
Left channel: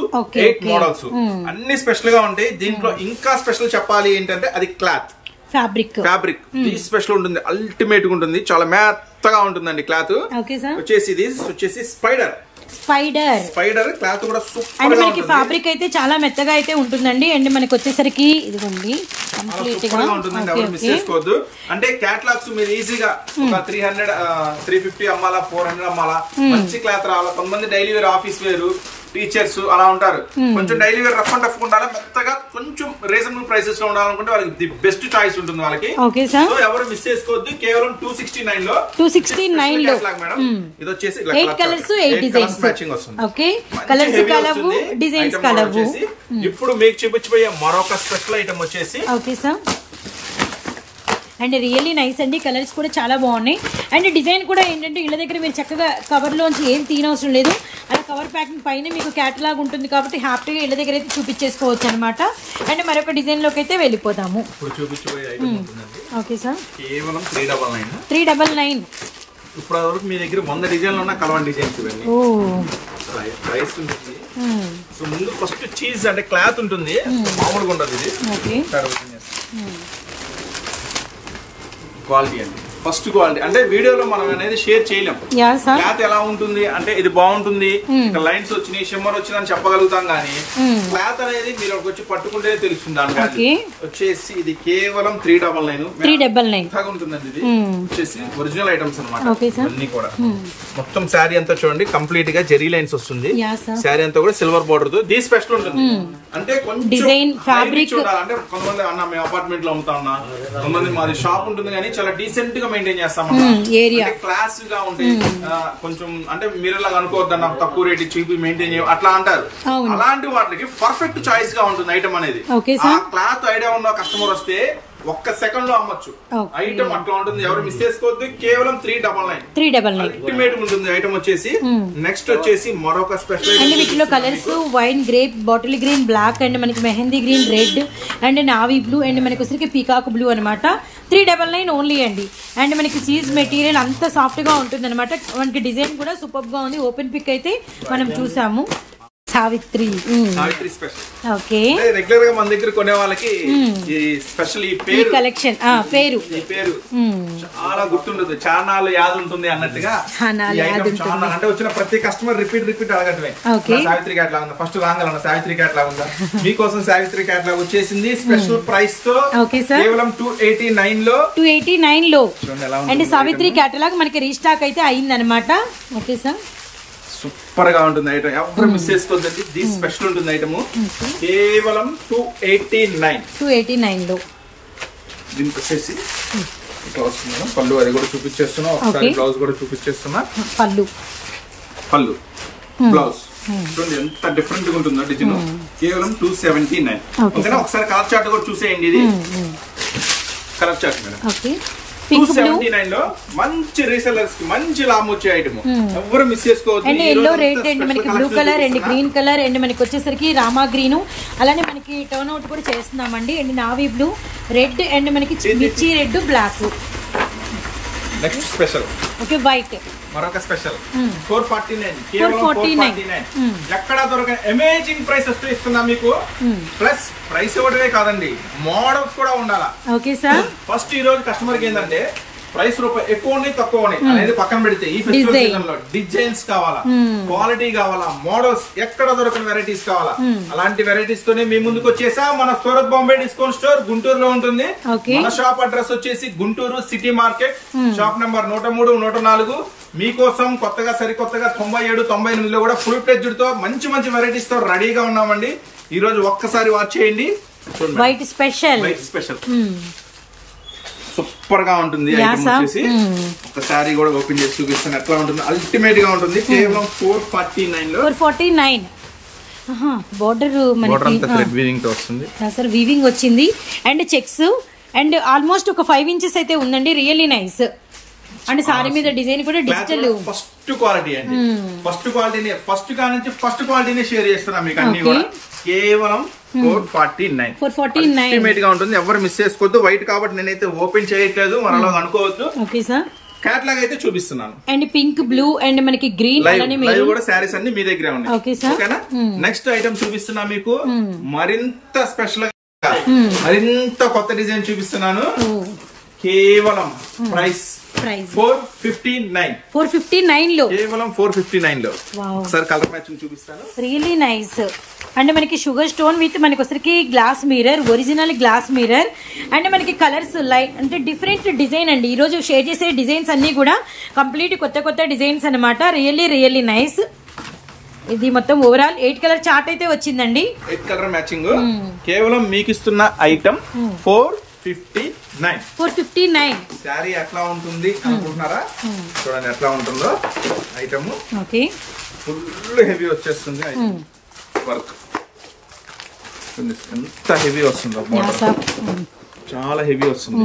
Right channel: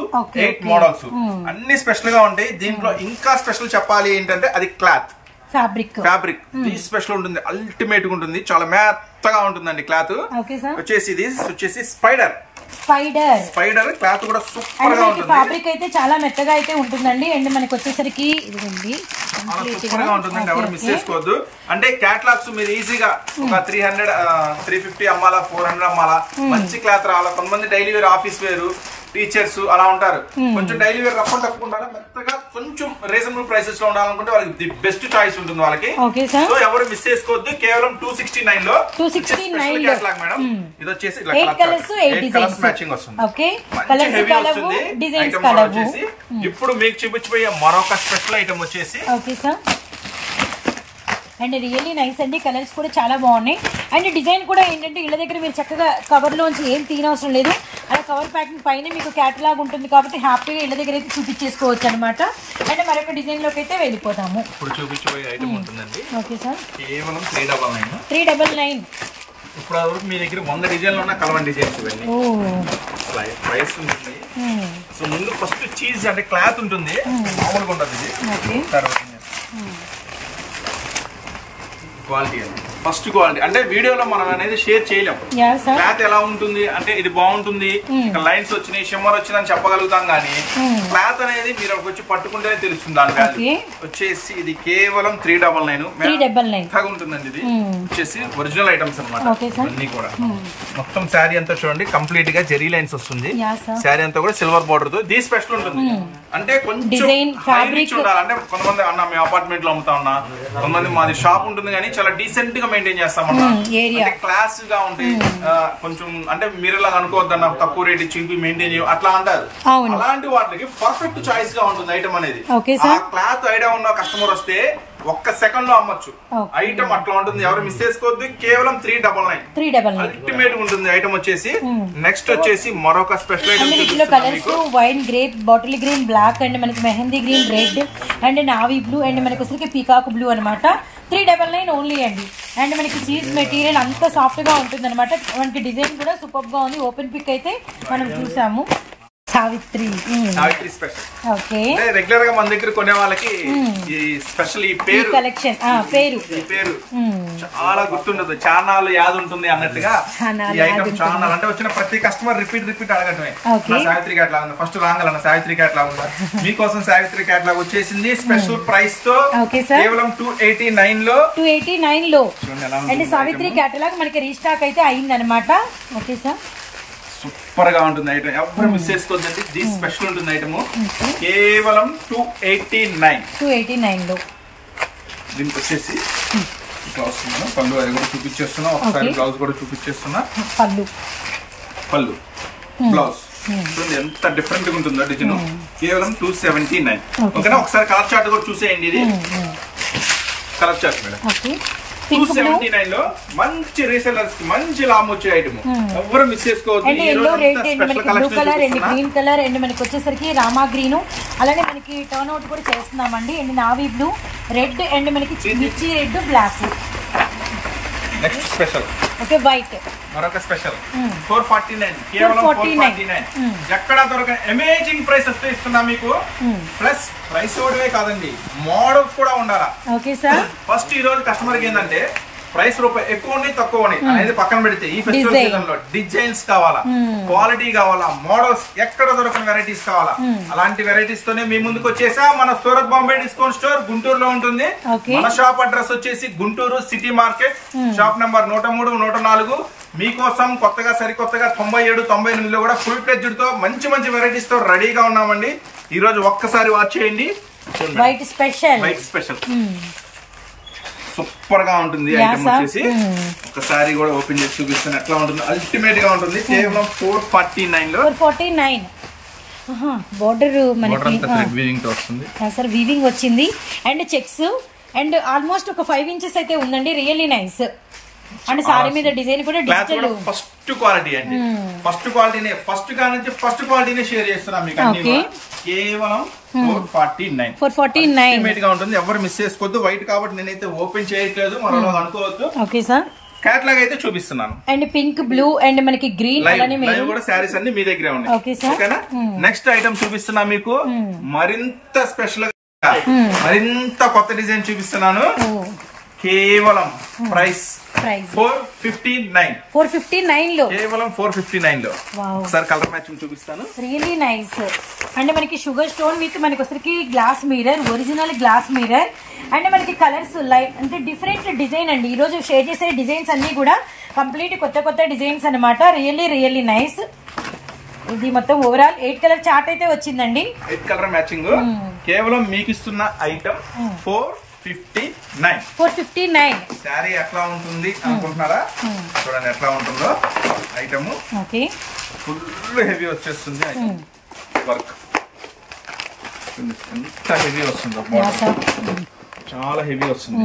8 మోడల్స్ అన్ని స్పెషల్ గా ఉంటాయి. దీంట్లో ఇంకా స్పెషల్ చెప్పాలి ఏంటంటే అది క్లాత్ ఫ్యాబ్రిక్ స్పెషల్ ఉంటుంది, అల్టిమేట్ గా ఉంటుంది, చాలా మెత్తగా ఉంటుందండి క్లాత్. వచ్చేసి ఇది వచ్చేసి స్పైడర్ క్లాత్ కూడా సూపర్ గా ఉంటుంది. ఫ్యాబ్రిక్ అయితే చాలా మెత్తగా అయితే ఉంటుందండి. అండ్ మనకి వచ్చేసరికి ఇదిగోండి సూపర్ గా ఉంటుందండి, ఎవరు మిస్ చేసుకోవద్దు. అంటే క్యాటలాగ్స్ మీరు ఈజీగా ఒక 300 350 అమ్మాలా, 400 అమ్మాలా, మంచి క్లాత్ రావాలా. కొంతమంది daily wear, office wear, teachers అలా ఉంటారు. కొంచెం daily wear rough and tough ఉండాలి, మెత్తగా కొంచెం రీజనబుల్ ప్రైసెస్ లో ఉండాలనుకుంటే వాళ్ళకి ది బెస్ట్ చాయిస్ ఉంటుంది వాళ్ళకి. సో ఎవరు మిస్ చేసుకోవద్దు. కేవలం 269 లో క్యాటలాగ్ మేడం. ఇది వచ్చేసి 8 కలర్స్ 8 డిజైన్స్ మ్యాచింగ్ వస్తుంది. వచ్చేసి ఇప్పుడు మీకు చూపించబోయే మరొక స్పెషల్ ఐటమ్ వచ్చేసి అండ్ రియల్లీ నైస్ అండి. కలర్స్ కూడా చాలా బాగున్నాయి. అండ్ డిజైన్ కూడా ఏంటంటే ఇళ్ళ దగ్గర మీరు చక్కగా కవర్లోంచి ఏం తీనవసరం లేదు, అలా కవర్ ప్యాకింగ్ పైన మీకు క్యాటలాగ్ ఉంటుంది కాబట్టి హ్యాపీగా ఇళ్ళ దగ్గర అయితే చూపించేసుకోవచ్చు అనమాట. అండ్ మరొక డిజైన్ లోకి అయితే వెళ్ళిపోతాము. ఇప్పుడు చూపించబోయే ఐటమ్ ఉంటుందండి. ఓకే సార్, కేవలం 399 ఇప్పుడు వరకు మీ దగ్గర 100 డిజైన్లు ఉన్న కలవన్ డిజైన్స్ ఇవన్నీ ప్రైస్ ఉంటుంది. సో ముందు ఫస్ట్ చీజ్ అంటే క్లాత్ ఉంటుంది, మామూలుగా ఉండదు ఇది. తర్వాత క్వాలిటీ అండి, ఫస్ట్ క్వాలిటీ అంటే వీడియోలో మనం అనేది షేర్ చేయలేం. క్లాత్ ఎలా ఉంటుంది అంటే ఇది బాగుంటుంది, ఇక్కడ లైన్స్ వచ్చినాయి, షిమ్మర్ వచ్చిందని చెప్పగలుగుతాం కానీ క్లాత్ అనేది మీరు వచ్చి పట్టుకుంటేనే తెలుస్తుంది. దాని వచ్చేసి ఇది కేవలం 399 ఉంటుందండి. ఇది వచ్చేసి ఒరిజినల్ ఐటమ్స్ అనమాట. అన్ని కూడా మొత్తం శారీ అంతా చూడండి కంప్లీట్ గా జెరీ లైన్స్ వస్తుంది. శారీ అంతా కూడా సిల్వర్ బోర్డర్ తో ది స్పెషల్ ఉంటుంది. అంటే కొంచెం ఫ్యాబ్రిక్ ఉండాలి. అంటే కొంతమంది అన్న మేము అపార్ట్మెంట్ లో అమ్ముతా ఉన్నా, కొంతమంది మాది షాప్ ఉంటుంది కానీ చాలా డీసెంట్ గా మెయింటైన్ చేస్తామన్నా, క్లాస్ గా ఉంటాయి. కొంచెం అంటే మీరు ఇలా అనుకోవద్దన్న తక్కువ రేట్ చూపి మెయింటైన్ చేయ అట్లా అంటారు. అలాంటి వాటికి పర్ఫెక్ట్ చాయిస్ గా ఉంటుంది ఐటమ్ అనేది. ఆ క్లాత్ ఐడియా ఉన్న కస్టమర్ వస్తే ఒక్క సెకండ్ లో అమ్మొచ్చు ఐటమ్. అట్లా ఉంటుంది, ఎవరు మిస్ చేసుకోవద్దు. కేవలం 399 అల్టిమేట్ ఉంటుంది ఐటమ్ వచ్చేసి. నెక్స్ట్ వచ్చేసి మరొక స్పెషల్ ఐటమ్. వీటిలో colours wine grape, bottle green, black and మనకి mehndi green, red and navy blue and మనకి వచ్చరికి పీకాక్ బ్లూ అనమాట. 399 ఓన్లీ అండి. అండ్ మనకి చీజ్ మెటీరియల్ అంత సాఫ్ట్ గా ఉంటుంది అనమాట. మనకి డిజైన్ కూడా సూపర్ గా ఉంది. ఓపెన్ పిక్ అయితే మనం చూసాము. సావిత్రి స్పెషల్. ఓకే, రెగ్యులర్ గా మన దగ్గర కొనే వాళ్ళకి ఈ స్పెషల్ ఈ పేరు కలెక్షన్ పేరు చాలా గుర్తుండదు, చానాలు యాద ఉంటుంది అన్నట్టుగా. అంటే వచ్చిన ప్రతి కస్టమర్ రిపీట్ అడగటమే సావిత్రి క్యాట్లాగ్ ఉందా, ఫస్ట్ రాంగలన్న సావిత్రి క్యాట్లాగ్ ఉందా. మీకోసం సావిత్రి క్యాట్లాగ్ వచ్చేసింది స్పెషల్ ప్రైస్ తో కేవలం 289 లో. అండ్ సావిత్రి క్యాటలాగ్ మనకి రీస్టాక్ అయితే అయిందనమాట. ఓకే సార్, సూపర్ గా ఉంటుంది ఐటమ్, ఎవరు మిస్ చేసుకోవద్దండి. ది స్పెషల్ ఉంటుంది ఐటమ్ కేవలం 289 లో. దీనికి వచ్చేసి ఇట్లా వస్తుంది మేడం. పళ్ళు అది కూడా చూపించేస్తున్నా, ఒకసారి బ్లౌజ్ కూడా చూపించేస్తున్నా. పళ్ళు బ్లౌజ్ చూడండి ఎంత డిఫరెంట్ గా ఉంటుందో డిజైన్. కేవలం 279. ఓకేనా, ఒకసారి కలర్ చార్ట్ కూడా చూసేయండి. ఇది కలర్ చార్ట్ మేడం. 279 లో మంచి రీసెల్లర్స్ కి మంచి లాభం వచ్చే ఐటమ్, ఎవరు మిస్ చేసుకోవద్దు. అండ్ ఎల్లో, రెడ్ అండ్ మనకి blue colour and green colour and మనకి వచ్చేసరికి రామా గ్రీన్, అలానే మనకి టర్న్ అవుట్ కూడా చేస్తున్నామండి. And navy blue, red and మనకి మిర్చి red, black. Next special okay, white మరొక స్పెషల్ 449 కేవలం 449. ఎక్కడ దొరకని అమేజింగ్ ప్రైస్ వస్తే ఇస్తున్నా మీకు. ప్లస్ ప్రైస్ ఇవ్వడమే కాదండి, మోడల్స్ కూడా ఉండాలా. ఓకే సార్, ఫస్ట్ ఈ రోజు కస్టమర్ కి ఏంటంటే ప్రైస్ రూపాయి ఎక్కువ ఉన్నాయి తక్కువ ఉన్నాయి అనేది పక్కన పెడితే ఈ ఫెస్టివల్ సీజన్ లో డిజైన్స్ కావాలా, క్వాలిటీ కావాలా, మోడల్స్ ఎక్కడ దొరకని వెరైటీస్ కావాలా, అలాంటి వెరైటీస్ తోనే మీ ముందుకు వచ్చేసా. మన సూరత్ బాంబే డిస్కౌంట్ స్టోర్ గుంటూరులో ఉంటుంది. మన షాప్ అడ్రస్ వచ్చేసి Guntur city market, shop number 103, 104. మీకోసం కొత్తగా సరికొత్తగా 97, 98 లో కూడా ఫుల్ ఫ్లెడ్జ్డ్ తో మంచి మంచి వెరైటీస్ తో రెడీగా ఉన్నామండి. ఈ రోజు ఒక్కసారి వాచ్ చేయండి. వైట్ స్పెషల్ సూపర్ గా ఉంటుంది. ఐటమ్ వచ్చేసి ఒకసారి కూడా ఓపెన్ చేసి చూపిస్తాను ఎట్లా ఉంటుంది. అల్టిమేట్ గా ఉంటుంది. కేవలం 449 లో 449. బోర్డర్ మనకి వీవింగ్ వచ్చింది అండ్ చెక్స్ అండ్ ఆల్మోస్ట్ ఒక 5 inches అయితే ఉందండి. Really nice. అండ్ సారీ మీద డిజైన్ కూడా డిజిటల్ ఫస్ట్ క్వాలిటీ అండి. ఫస్ట్ క్వాలిటీనే ఫస్ట్ కా నుంచి ఫస్ట్ క్వాలిటీనే షేర్ చేస్తున్నాం మీకు అన్ని కూడా. కేవలం 449 అల్టిమేట్ గా ఉంటుంది. ఎవరు మిస్ చేసుకోవద్దు. వైట్ కాబట్టి నేనైతే ఓపెన్ చేయట్లేదు, మనలో అనుకోవద్దు. Okay sir. క్యాట్లాగ్ అయితే చూపిస్తున్నాను. అండ్ పింక్, బ్లూ అండ్ మనకి గ్రీన్ అలానే మెరూన్ కూడా శారీస్ అన్ని మీ దగ్గరే ఉన్నాయి. ఓకేనా. నెక్స్ట్ ఐటమ్ చూపిస్తున్నా మీకు. మరింత స్పెషల్ గా మరింత కొత్త డిజైన్ చూపిస్తున్నాను. కేవలం ప్రైస్ 459 లో, కేవలం 459 లో. ఒకసారి కలర్ మ్యాచింగ్ చూపిస్తాను. Really nice. అంటే మనకి షుగర్ స్టోన్ విత్ మనకి వచ్చరికి glass mirror, original glass mirror and మనకి కలర్స్ లైట్ అంటే డిఫరెంట్ డిజైన్ అండి. ఈ రోజు షేర్ చేసే డిజైన్స్ అన్ని కూడా కంప్లీట్ కొత్త డిజైన్స్ అనమాట. Really nice. ఇది మొత్తం ఓవరాల్ 8 కలర్ చార్ట్ అయితే వచ్చిందండి. 8 కలర్ మ్యాచింగ్. కేవలం మీకు ఇస్తున్న ఐటమ్ 459. శారీ ఎట్లా ఉంటుంది అనుకుంటున్నారా? చూడండి ఎట్లా ఉంటుందో ఐటమ్. ఓకే. ఫుల్ హెవీ వచ్చేస్తుంది వర్క్. ఎంత హెవీ వస్తుందో, చాలా హెవీ వస్తుంది.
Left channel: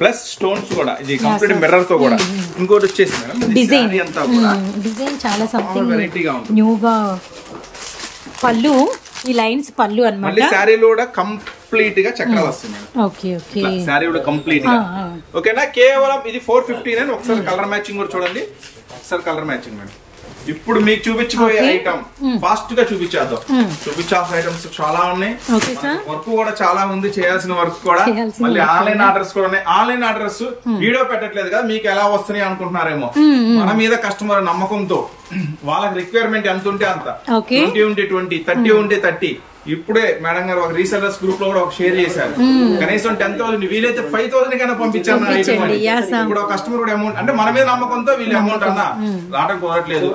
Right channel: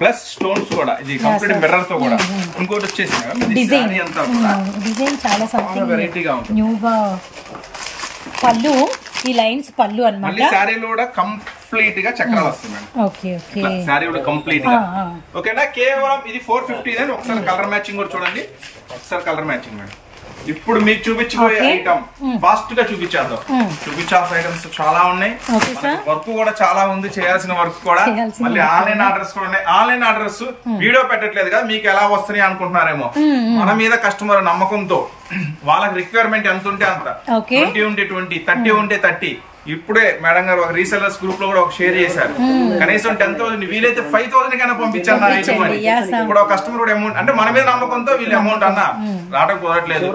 ప్లస్ స్టోన్స్ కూడా ఇది కంప్లీట్ మిర్రర్ తో కూడా. ఇంకోటి వచ్చేసి మేడం డిజైన్ చాలా సంథింగ్ వెరైటీగా ఉంటుంది. న్యూగా పళ్ళు, ఈ లైన్స్ పళ్ళు అన్నమాట. శారీలో కూడా కంప్లీట్ గా చక్రాలు వస్తాయి మేడం. ఓకే. శారీ కూడా కంప్లీట్ గా. ఓకేనా. కేవలం ఇది 459. ఒకసారి కలర్ మ్యాచింగ్ కూడా చూడండి. ఒకసారి కలర్ మ్యాచింగ్ మేడం. ఇప్పుడు మీకు చూపించబోయే ఐటమ్ ఫాస్ట్ గా చూపించేద్దాం. చూపించాల్సిన ఐటమ్స్ చాలా ఉన్నాయి. వర్క్ కూడా చాలా ఉంది, చేయాల్సిన వర్క్ కూడా. మళ్ళీ ఆన్లైన్ ఆర్డర్స్ కూడా ఉన్నాయి. ఆన్లైన్ ఆర్డర్స్ వీడియో పెట్టట్లేదు కదా, మీకు ఎలా వస్తున్నాయి అనుకుంటున్నారేమో. మన మీద కస్టమర్ నమ్మకంతో వాళ్ళకి రిక్వైర్మెంట్ ఎంత ఉంటే అంత, 20 ఉంటే 20, 30 ఉంటే 30. ఇప్పుడే మేడం గారు ఒక రీసెలర్స్ గ్రూప్ లో కూడా ఒక షేర్ చేశారు. కనీసం 10,000 వీలైతే 5,000 కన్నా పంపించాను. ఇప్పుడు ఒక కస్టమర్ కూడా అమౌంట్ అంటే మన మీద నమ్మకంతో వీళ్ళు అమౌంట్ అన్నా రావడం కుదరట్లేదు.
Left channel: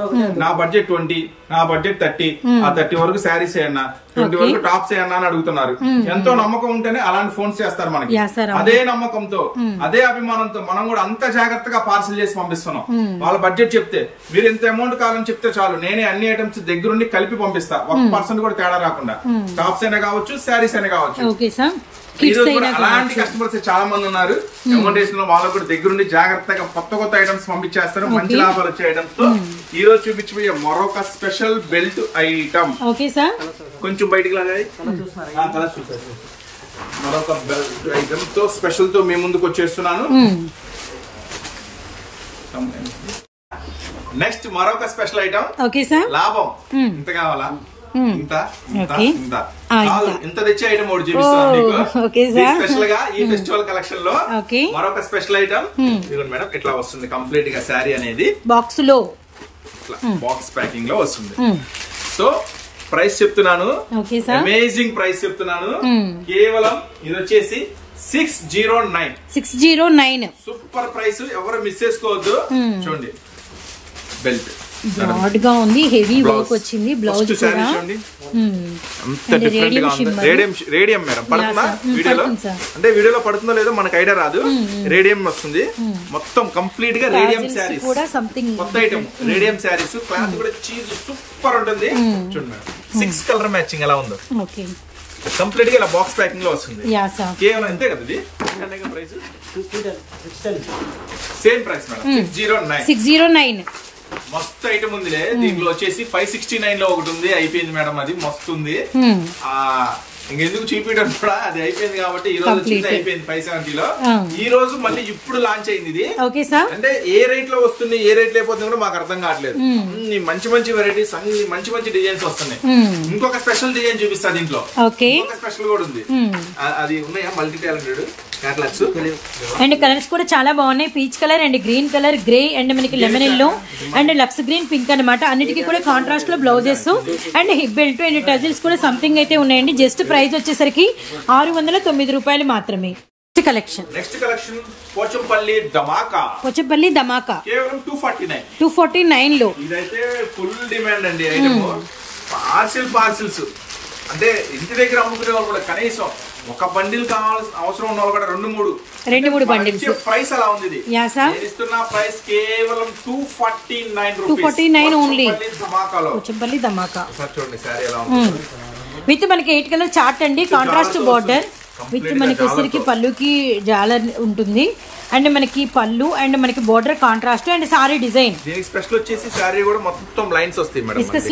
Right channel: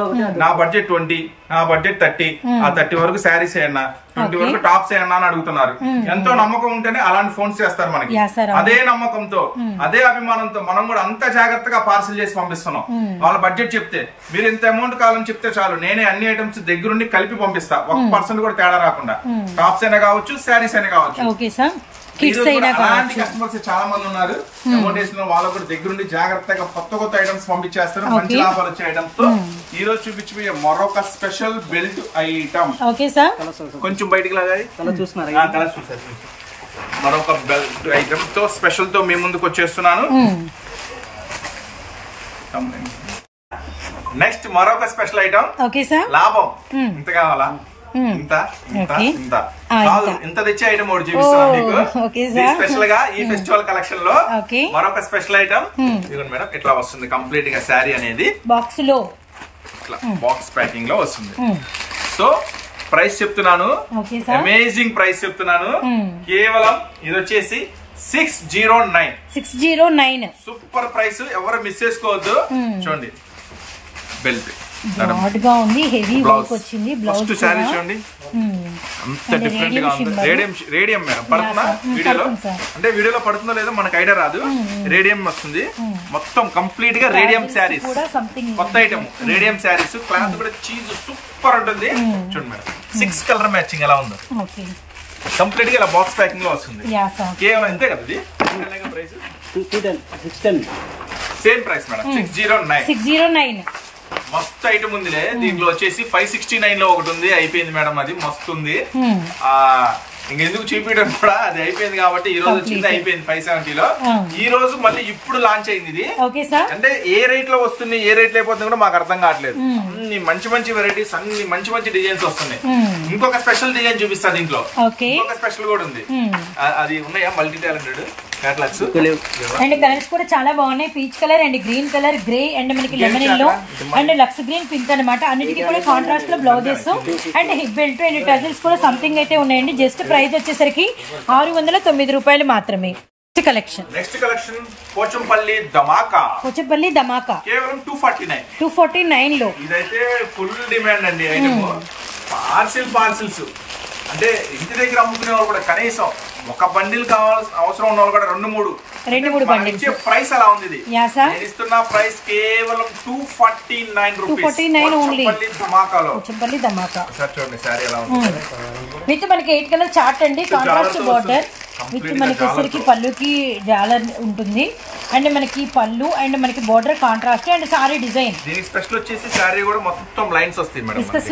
నా బడ్జెట్ 20, నా బడ్జెట్ 30, ఆ 30 వరకు శారీస్ ఏమన్నా, 20 వరకు టాప్స్ ఏమన్నా అని అడుగుతున్నారు. ఎంతో నమ్మకం ఉంటేనే అలాంటి ఫోన్స్ చేస్తారు మనకి. అదే నమ్మకంతో అదే అభిమానంతో మనం కూడా అంత జాగ్రత్తగా పార్సల్ చేసి పంపిస్తున్నాం. వాళ్ళ బడ్జెట్ చెప్తే మీరు ఎంత అమౌంట్ కావాలని చెప్తే చాలు, నేనే అన్ని ఐటమ్స్ దగ్గరుండి కలిపి పంపిస్తా. 1% కూడా తేడా రాకుండా. టాప్స్ అయినా కావచ్చు, శారీస్ అయినా కావచ్చు. అలాంటి కస్టమర్స్ చాలా మంది ఉన్నారు. అమౌంట్ వేసిన వాళ్ళకు కూడా దగ్గరుండి జాగ్రత్తగా కొత్త ఐటమ్స్ పంపించేస్తారు. మంచి లాభాలు వచ్చే ఐటమ్స్ తో ఈ రోజు చూపించబోయే మరొక స్పెషల్ బెల్ట్ ఐటమ్. కొంచెం బయటికి లాగాలి. మరొక బెల్ట్ ఐటమ్ తో స్పెషల్ తో మీ ముందుకు వచ్చేస్తున్నాను. నెక్స్ట్ మరొక స్పెషల్ ఐటమ్. లాభం ఇంత కావాలా? ఇంత తెచ్చే ఐటమ్ ఒకటి చూపిస్తాను మీకు స్పెషల్ గా ఈ ఫెస్టివల్ కలెక్షన్ లో. మరొక స్పెషల్ ఐటమ్ ఇదిగోండి మేడం. ఇట్లా వస్తుంది కంప్లీట్ గా శారీ అనేది బాక్స్ లో, బాక్స్ ప్యాకింగ్ లో వస్తుంది. సో ప్రైస్ చెప్తున్నాను, అమేజింగ్ ప్రైస్ చెప్తున్నాను. కేవలం ఇది వచ్చేసి 609. సూపర్ ప్రైస్, ఎవరు మిస్ చేసుకోవద్దు. చూడండి బెల్ట్ బ్రాడ్ గా ఉంది, హెవీ వర్క్ వచ్చింది. బ్లౌజ్ చూడండి అంత డిఫరెంట్ గా ఉంది. రేడియం మేడం పడుతుందా వీడియోలో? అంటే వీడియోలో పడుతుందో లేదో మనకు ఐడియా రాదు. రేడియం వస్తుంది మొత్తం కంప్లీట్ గా. రేడియం శారీస్ కొత్త ఐటమ్. రేడియం శారీస్ క్లాత్ కూడా చీజ్ సూపర్ ఉంటుంది. చూడండి మేడం 6 కలర్ మ్యాచింగ్ ఎలా ఉందో. కంప్లీట్ గా ఇలా బాక్స్ ప్యాకింగ్ లో వస్తుంది. కేవలం ఇంతే కదా ఇది. Price same price madam 609. మస్తు ఐటమ్ ఉందిలే. దీంట్లో వచ్చేసి 569 లో ఒకటి ఉంది, అయిపోయింది మేడం. అది మస్తు ఉంది. ఇంకెందుకు చూపించడం కూడా, అది అయిపోయింది కాబట్టి ఈ రోజు వచ్చింది, అయిపోయింది 570 లో. ఈ రోజు మళ్ళీ ఇప్పుడు లాంచ్ అయింది ఇది. అంటే ఏ రేట్ లో వస్తుంది, ఏ రేట్ అయిపోతుంది కూడా మాకు అర్థం కావట్లేదు. అన్ని మంచి వెరైటీస్, అన్ని మంచి డిజైన్స్ వస్తున్నాయి. ఇంకొక స్పెషల్ డిజైన్ చూపిస్తా దీంట్లో. ఇంకొక స్పెషల్ కూడా ఉంది. అది ఉన్నాయా multi talented catalogues. And colours కూడా చాలా బాగున్నాయి. Peach colour and green colour, grey and మనకి lemon yellow and lux green, pink అనమాట. అన్నిటికీ కూడా కాంట్రాస్ట్ లో blouses and hip belt and tassels కూడా సంథింగ్ అయితే ఉన్నాయండి. జస్ట్ ప్రైస్ వచ్చేసరికి 609 రూపాయలు మాత్రమే. నెక్స్ట్ కలెక్షన్ పోచంపల్లి ధమాకా కేవలం 249 లో. ఇదైతే ఫుల్ డిమాండ్ అండి ఐటమ్. పార్సిల్స్ అంటే ఇంటి దగ్గర అమ్ముకునే వాళ్ళు కూడా కనీసం ఒక బండిల్ కావాల్సిన అవసరం ఉన్న వాళ్ళు కూడా 2-3 బండిల్స్. ప్రైస్ అలా ఉంది. నేను ఇస్తున్న ప్రైస్ కేవలం 249 ఓన్లీ. పోచంపల్లి ధమాకా చూడండి సారీ ఎలా ఉంటుంది. విత్ మనకి 8 కలర్ చార్ట్ అండి, కాంట్రాస్ట్ బార్డర్ విత్ మనకి వచ్చరికి పళ్ళుకి జాలర్ ఉంటుంది అండ్ మనకి పళ్ళు అండ్ మనకి border contrast and sorry design. దీనికి స్పెషల్ వచ్చేసి సారీ కూడా మొత్తం లైన్స్ వస్తాయి మేడం, విస్కస్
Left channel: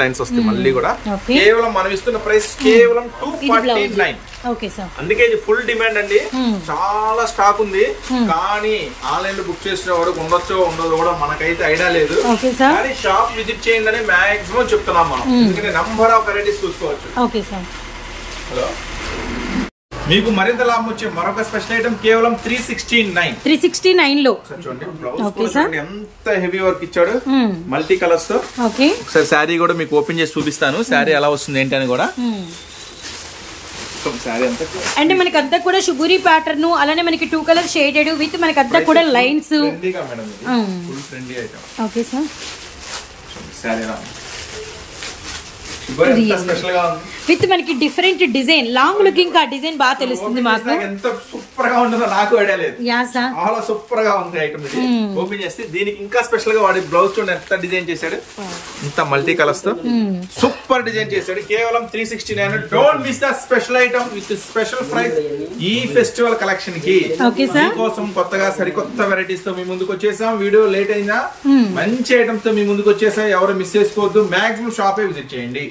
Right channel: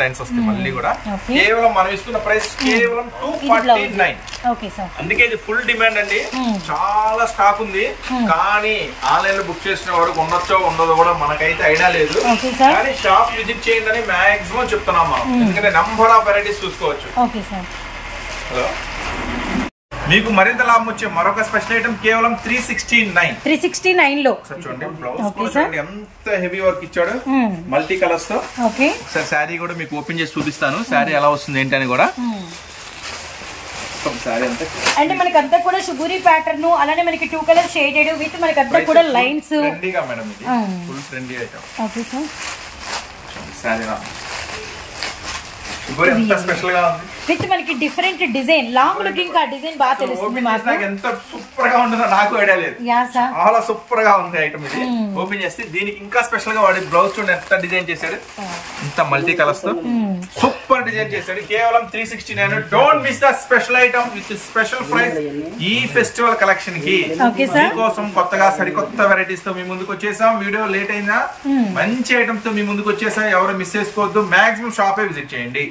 లైన్స్ వస్తాయి మళ్ళీ కూడా. కేవలం మనం ఇస్తున్న ప్రైస్ కేవలం 249. Okay sir. అందుకే ఇది ఫుల్ డిమాండ్ అండి, చాలా స్టాక్ ఉంది. కానీ ఆన్లైన్ లో బుక్ చేసిన వరకు ఉండొచ్చో ఉండదో కూడా మనకైతే ఐడియా లేదు. కానీ షాప్ విజిట్ చేయండి అని మాక్సిమం చెప్తున్నాం మనం, ఎందుకంటే నంబర్ ఆఫ్ వెరైటీస్ చూసుకోవచ్చు. Okay sir. హలో, మీకు మరింత లాభం వచ్చే మరొక స్పెషల్ ఐటమ్ కేవలం 369 లో. చూడండి బ్లౌజ్ ఎంత హెవీ వర్క్ ఇచ్చాడు, మల్టీ కలర్స్ తో. సార్ శారీ కూడా మీకు ఓపెన్ చేసి చూపిస్తాను, శారీ ఎలా వస్తుంది ఏంటి అని కూడా. అంటే మనకి అంతా కూడా షుగూరి ప్యాటర్న్, అలానే మనకి 2 కలర్ షేడెడ్ విత్ మనకి అంతా కూడా లైన్స్. ట్రెండీగా మేడం ఇది, full trendy item. Okay sir. Sari ఎలా స్పెషల్ గా ఉంది విత్ మనకి different design, long looking design బాగా తెలుస్తుంది మాకు. ఎంత సూపర్ గా ఉంటుందో నాకు ఐడియా లేదు, చాలా సూపర్ గా ఉంది ఐటమ్ ఇది. ఓపెన్ చేస్తే దీనికి ఇంకా స్పెషల్ గా వాడి బ్లౌజ్ చూడండి ఎంత డిజైన్ చేశాడు, ఇంత మల్టీ కలర్స్ తో సూపర్ డిజైన్ చేశాడు. కేవలం 369. Don't miss the special item with special price ఈ ఫెస్టివల్ కలెక్షన్ కి. కోసం కొత్తగా సరికొత్త వెరైటీస్ తో మీ ముందుకు వచ్చేసాం. వీడియో లేట్ అయినా మంచి ఐటమ్స్ తో మీ ముందుకు వచ్చేసాం, ఎవరు మిస్ చేసుకోవద్దు. మాక్సిమం షాపే విజిట్ చేయండి,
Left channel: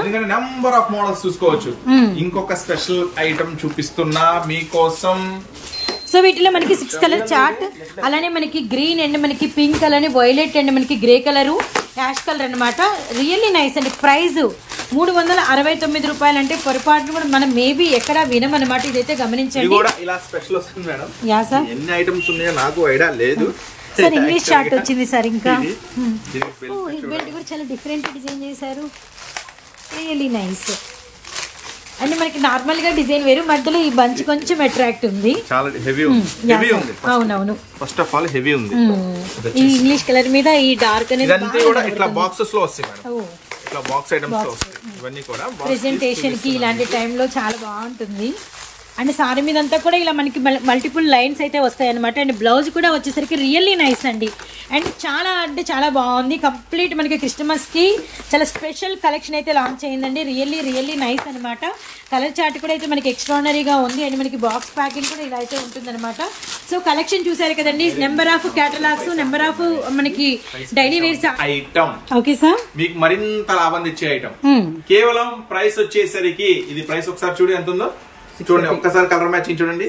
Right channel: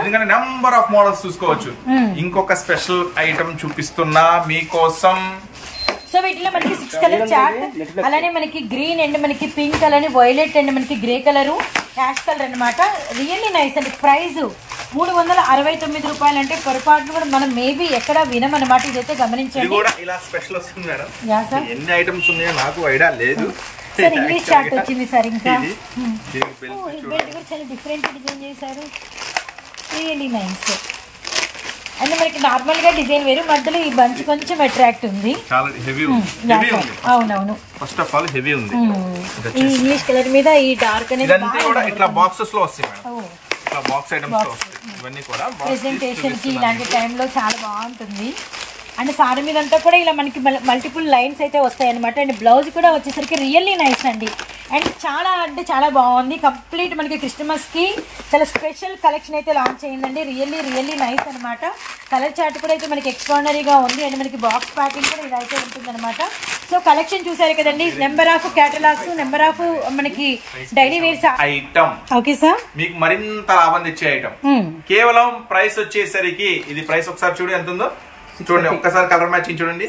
ఎందుకంటే నెంబర్ ఆఫ్ మోడల్స్ చూసుకోవచ్చు. ఇంకొక స్పెషల్ ఐటమ్ చూపిస్తున్నా మీకోసం. సో వీటిలో మనకి 6 కలర్ చార్ట్, అలానే మనకి గ్రీన్ అండ్ మనకి పింక్, అలానే వైలెట్ అండ్ మనకి గ్రే కలర్, యాష్ కలర్ అనమాట. రియల్లీ నైస్ అండి. ప్రైస్ 369 రూపాయలు అంటే పొరపాటును కూడా మనం మేబీ ఎక్కడ వినమన్నమాట. ఇదైతే గమనించండి. ఇలా స్పెషల్ వస్తుంది మేడం. Yeah sir. ఎన్ని ఐటమ్స్ ఉన్నాయో నాకు ఐడియా లేదు సార్. ఇంగ్లీష్ చార్ట్ వచ్చింది సార్. ఇంకా బెల్ట్ కూడా చాలా డిఫరెంట్ డిజైన్ చేశారు, రియల్లీ నైస్. అండ్ మనకి నార్మల్ గా డిజైన్ వేరు, మధ్యలో ఈ బంచ్ కొంచెం అట్రాక్ట్ ఉంది. చాలా హెవీ ఉంది. అవునవును, ఫస్ట్ ఆఫ్ ఆల్ హెవీ ఉంది. ఈ ఇంగ్లీష్ కలర్ మీద ఈ డార్క్ అనేది కూడా ఇట్లా బాక్సెస్ లో వస్తాయి మేడం, ఇట్లా బాక్స్ ఐటమ్స్ లో వస్తాయి. ఇవన్నీ కూడా ప్రెజెంటేషన్ కి ఇలాంటి టైంలో చాలా బాగుంటుంది. అండ్ సారీ మీద అంతా కూడా ఇలా మనకి మల్టిపుల్ లైన్స్ అయితే వస్తాయి అనమాట. అండ్ బ్లౌజ్ కూడా వచ్చేసరికి రియల్లీ నైస్ అండి. అండ్ చాలా అంటే చాలా బాగుంది. కంప్లీట్ మనకి క్రిస్టమస్ కి చాలా స్పెషల్ కలెక్షన్ అయితే లాంచ్ అయిందండి. రియల్లీ నైస్ అనమాట. కలర్ చార్ట్ కూడా అయితే మనకి ఎక్స్ట్రాడనరీగా ఉంది. అండ్ మనకి బాక్స్ ప్యాకింగ్ కూడా ఇలా అయితే ఉంటుంది అనమాట. సో కలెక్షన్ చూసారు కదండి, number of catalogues, number of మనకి daily wears item. Okay sir. మీకు మరింత లాభం తెచ్చే ఐటమ్. కేవలం ప్రైస్ వచ్చేసరికి ఇది ప్రైస్ ఒకసారి చూడు ఎంత ఉందో చూడండి, ఒక్కసారి కలర్ మ్యాచింగ్ చూడండి.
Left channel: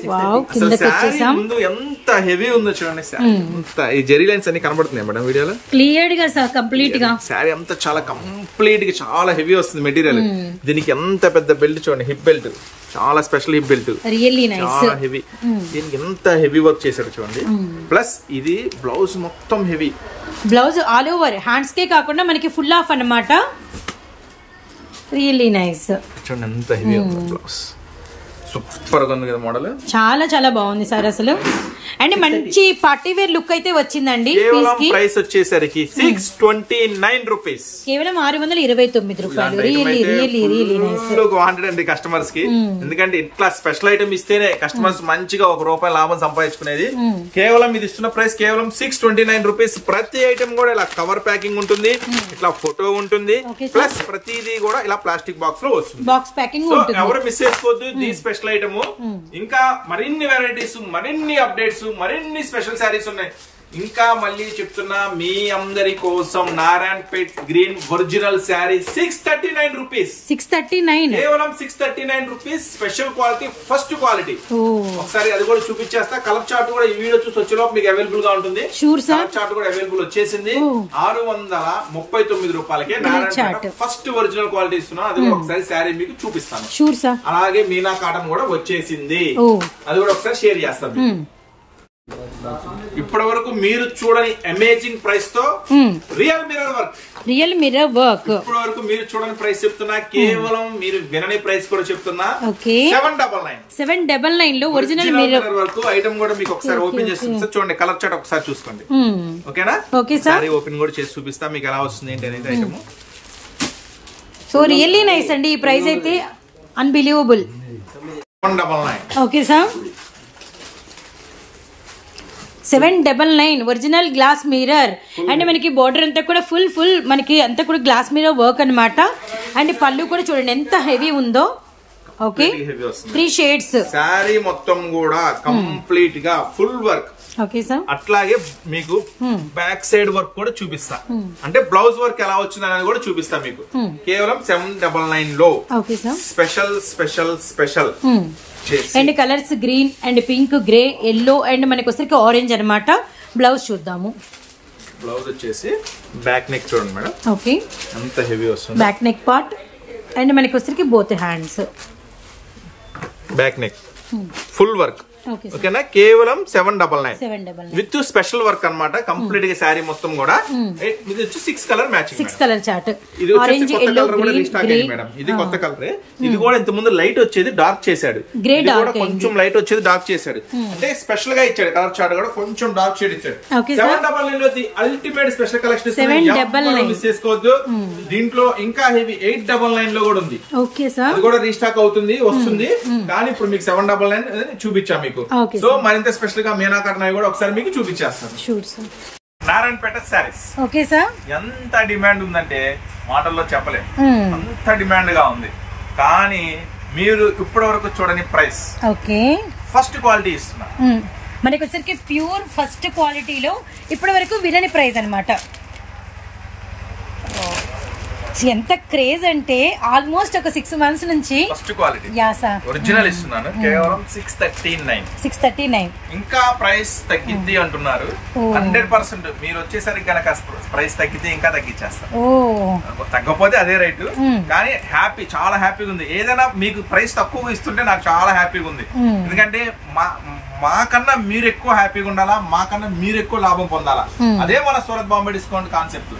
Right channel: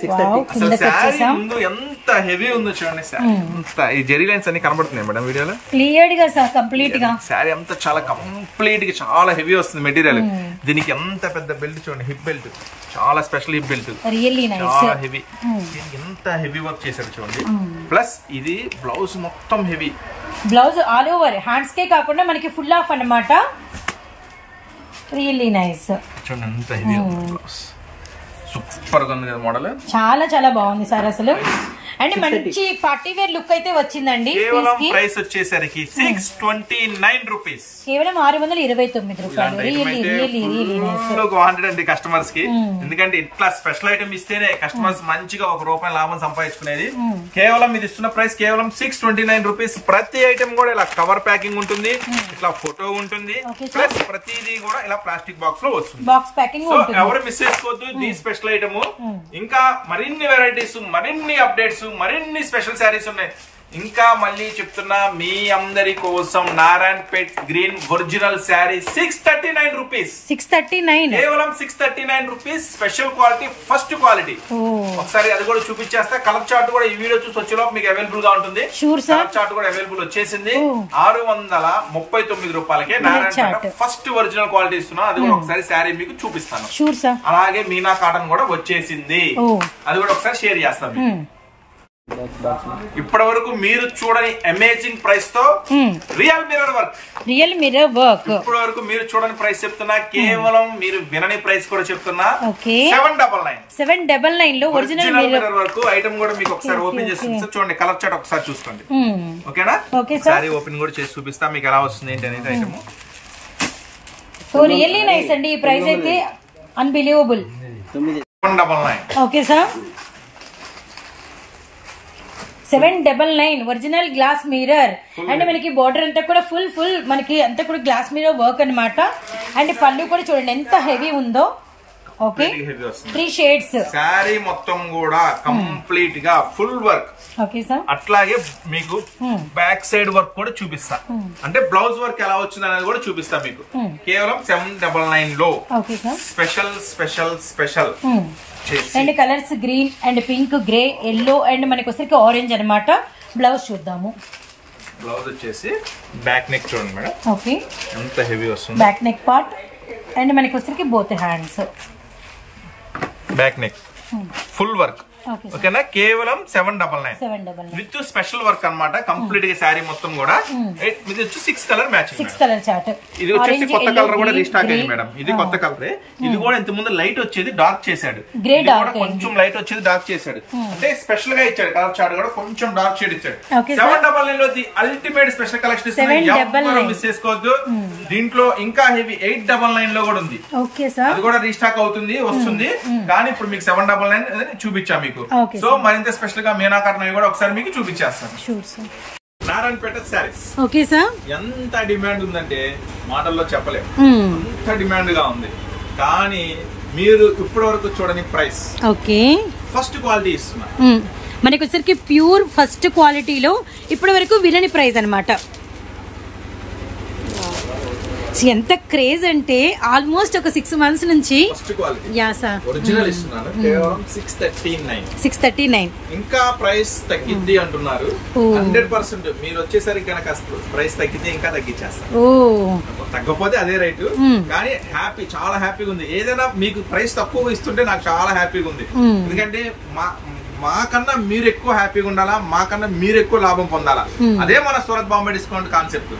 ముందు ఎంత హెవీ ఉందో చూడండి. ఈ జెరీ లైన్స్ అన్ని కనబడుతున్నాయి మేడం వీడియోలో క్లియర్ గా సార్. కంప్లీట్ గా శారీ అంతా చాలా కంప్లీట్ గా చాలా హెవీ వస్తుంది మెటీరియల్. దీనికి ఎంత పెద్ద బెల్ట్ చూడండి, హిప్ బెల్ట్, చాలా special hip belt, really nice, చాలా హెవీ. దీనికి ఎంత హెవీ వర్క్ చేశాడు చూడండి. ప్లస్ ఇది బ్లౌజ్ మొత్తం heavy blouse, all over hands కే కాకుండా మనకి ఫుల్ ఆఫ్ అన్నమాట. Really nice. చూడండి ఎంత హెవీ ఉంది బ్లౌజ్, సూపర్ గా ఉంది కదా మోడల్. చాలా చాలా బాగుంది సార్ అసలు. అండ్ మంచి పార్టీ వేర్ లుక్ అయితే వచ్చిందండి. ప్రైస్ వచ్చేసరికి 629 రూపీస్, కేవలం 629 రూపాయలు. రియల్లీ వాంటెడ్ అండి కస్టమర్స్ కి, ఎందుకంటే ఇట్లా స్పెషల్ ఐటమ్ ఇస్తేనే కస్టమర్స్ మంచిగా ₹1 లాభం సంపాదించుకునేది. కేవలం ఇది ఇస్తున్న ప్రైస్ కేవలం 629 రూపీస్. ప్రతి ఐటమ్ కూడా ఇలా కవర్ ప్యాకింగ్ ఉంటుంది, ఇట్లా ఫోటో ఉంటుంది, ప్లస్ ప్రతిదీ కూడా ఇలా ప్లాస్టిక్ బాక్స్ లో వస్తుంది. బాక్స్ ప్యాకింగ్ ఉంటుంది, ఎవరు మిస్ చేసుకోవద్దు. దీ స్పెషల్ ఐటమ్. ఇంకా మరిన్ని వెరైటీస్, మరిన్ని అప్డేట్స్, మరిన్ని స్పెషల్ శారీస్ ఉన్నాయి. ఇంకా మళ్ళీ చెప్తున్నా మీ అందరి కోసం Narayanpet green original sari 639 rupees. 639 కేవలం 639 rupees. Special quality, first quality. ఒకసారి అది కూడా చూపించేస్తా. కలర్ చార్ట్ కూడా ఈ వీడియో చూసి వచ్చేలోపు మీకు అవైలబుల్ గా ఉంటుంది. కలర్ చార్ట్ కూడా అవైలబుల్ వచ్చేసింది. 639 రూపాయలకే నారాయణపేట ఫస్ట్ ఒరిజినల్ క్వాలిటీ ఇస్తున్నా. అది కూడా ఒకసారి శారీ మీకు చూపిస్తాను. అలాగే మీనా కాటన్ కూడా వచ్చేసింది. అది కూడా ఒకసారి షేర్ చేస్తాను. ఇప్పటి వరకు మీరు చూడని అమేజింగ్ ప్రైస్ తో రియల్ మిర్రర్ వర్క్. ఇప్పటి వరకు మీరు చూడని ప్రైస్ చెప్తున్నా. కేవలం మీరు వినని ప్రైస్ కూడా చెప్తున్నా. 799 లో ఒరిజినల్ మిర్రర్ వర్క్ ఐటమ్ కూడా మీకు ఒకసారి ఓపెన్ చేసి చూడండి. కలర్ చార్ట్ ఒకసారి చూసుకోండి. ఓకేనా? సారీ ఓపెన్ కూడా చేసి చూపిస్తా మీకు ఎలా వస్తుంది ఏంటి అనేది ఐటమ్. సో రియల్లీ నైస్ అండి. ఈ ప్రైస్ అయితే unbelievable. 799. Okay sir. 799 original glass mirror. And మనకి బోర్డర్ అంతా కూడా ఫుల్ మనకి అంతా కూడా గ్లాస్ మిర్రర్ వర్క్ అన్నమాట. అండ్ పళ్ళు కూడా చూడండి ఎంత హెవీ ఉందో. Okay, 3 shades. సారీ మొత్తం కూడా కంప్లీట్ గా ఫుల్ వర్క్. Okay sir. అట్లాగే మీకు బ్యాక్ సైడ్ వర్క్ కూడా చూపిస్తా. అంటే బ్లౌజ్ వర్క్ ఎలా వచ్చింది అనేది కూడా చూపిస్తా మీకు. కేవలం 799 లో. Okay sir. Special and colours green and pink, grey, yellow and మనకి వచ్చరికి ఆరెంజ్ అన్నమాట. బ్లౌజ్ చూద్దాము. బ్లౌజ్ వచ్చేసి బ్యాక్ నెక్ చూడండి మేడం. ఓకే, ఎంత హెవీ వస్తుంది. బ్యాక్ నెక్ పార్ట్ అండ్ మనకి వచ్చరికి both hands. Back neck full work. ఓకేనా? కేవలం 799 విత్ స్పెషల్ వర్క్ అన్నమాట. కంప్లీట్ గా శారీ మొత్తం కూడా. ఇది వచ్చి 6 కలర్ మ్యాచింగ్. 6 colour chart. ఇది వచ్చేసి కొత్త కలర్ కూడా రీస్టాక్ అయింది మేడం. ఇది కొత్త కలరే. ఇది కూడా ఇంత ముందు లైట్ వచ్చేది డార్క్ చేశాడు. గ్రే డార్క్, కొంచెం లైట్ వచ్చేది డార్క్ చేశాడు. అంటే స్పెషల్ గా ఇచ్చాడు. కలర్ చార్ట్ కూడా కొంచెం డార్క్ షేడ్ ఇచ్చాడు. 799 లో the ultimate special collection. 799 miss చేసుకోవద్దు. దీంట్లో ఇంకా హెవీ 899 లో కూడా ఉంది. Okay sir. అది కూడా రీస్టాక్ అవుతుంది, వస్తుంది. కానీ ఇప్పుడు మీకు 799 చూపించాము. సో మరింత స్పెషల్ గా మీనా కాటన్ కూడా ఒకసారి మీకు చూపించేస్తాను. నారాయణపేట శారీస్. Okay sir. ఎంత డిమాండ్ ఉందంటే మాటల్లో చెప్పలేము. అంత డిమాండ్ గా ఉంది. కానీ మీరు ఇప్పటి వరకు చూడని ప్రైస్. ఓకే, ఫస్ట్ క్వాలిటీ ఇస్తున్నా. మనకి వచ్చరికి ప్యూర్ ఫస్ట్ క్వాలిటీలో ఇప్పటి వరకు వినని ప్రైస్ అన్నమాట. ఎంత క్రేజ్ అంటే ఆల్మోస్ట్ ఒక 6 months నుంచి ఫస్ట్ క్వాలిటీ ఒరిజినల్ ఇస్తున్నాను. కేవలం 639. ఇంకా ప్రైస్ తగ్గింది అంటున్నారు. 100% మీరు వచ్చేసరికి కనుక ప్రైస్ తగ్గితే ఇంకా తగ్గించేస్తారు. తగ్గపోతే అదే రేటు. కానీ హ్యాపీ, చాలా హ్యాపీగా ఉంది. ఏదైనా మీకు ప్రైస్ తక్కువ ఇస్తుంటే నాకు చాలా హ్యాపీగా ఉంది. ఎందుకంటే మాకన్నా మీరు ఎక్కువ హ్యాపీగా ఉండాలా, మాకన్నా మీరు ఎక్కువ లాభం పొందాలా. అదే మన సూరత్ బాంబే డిస్కౌంట్ కాన్సెప్ట్.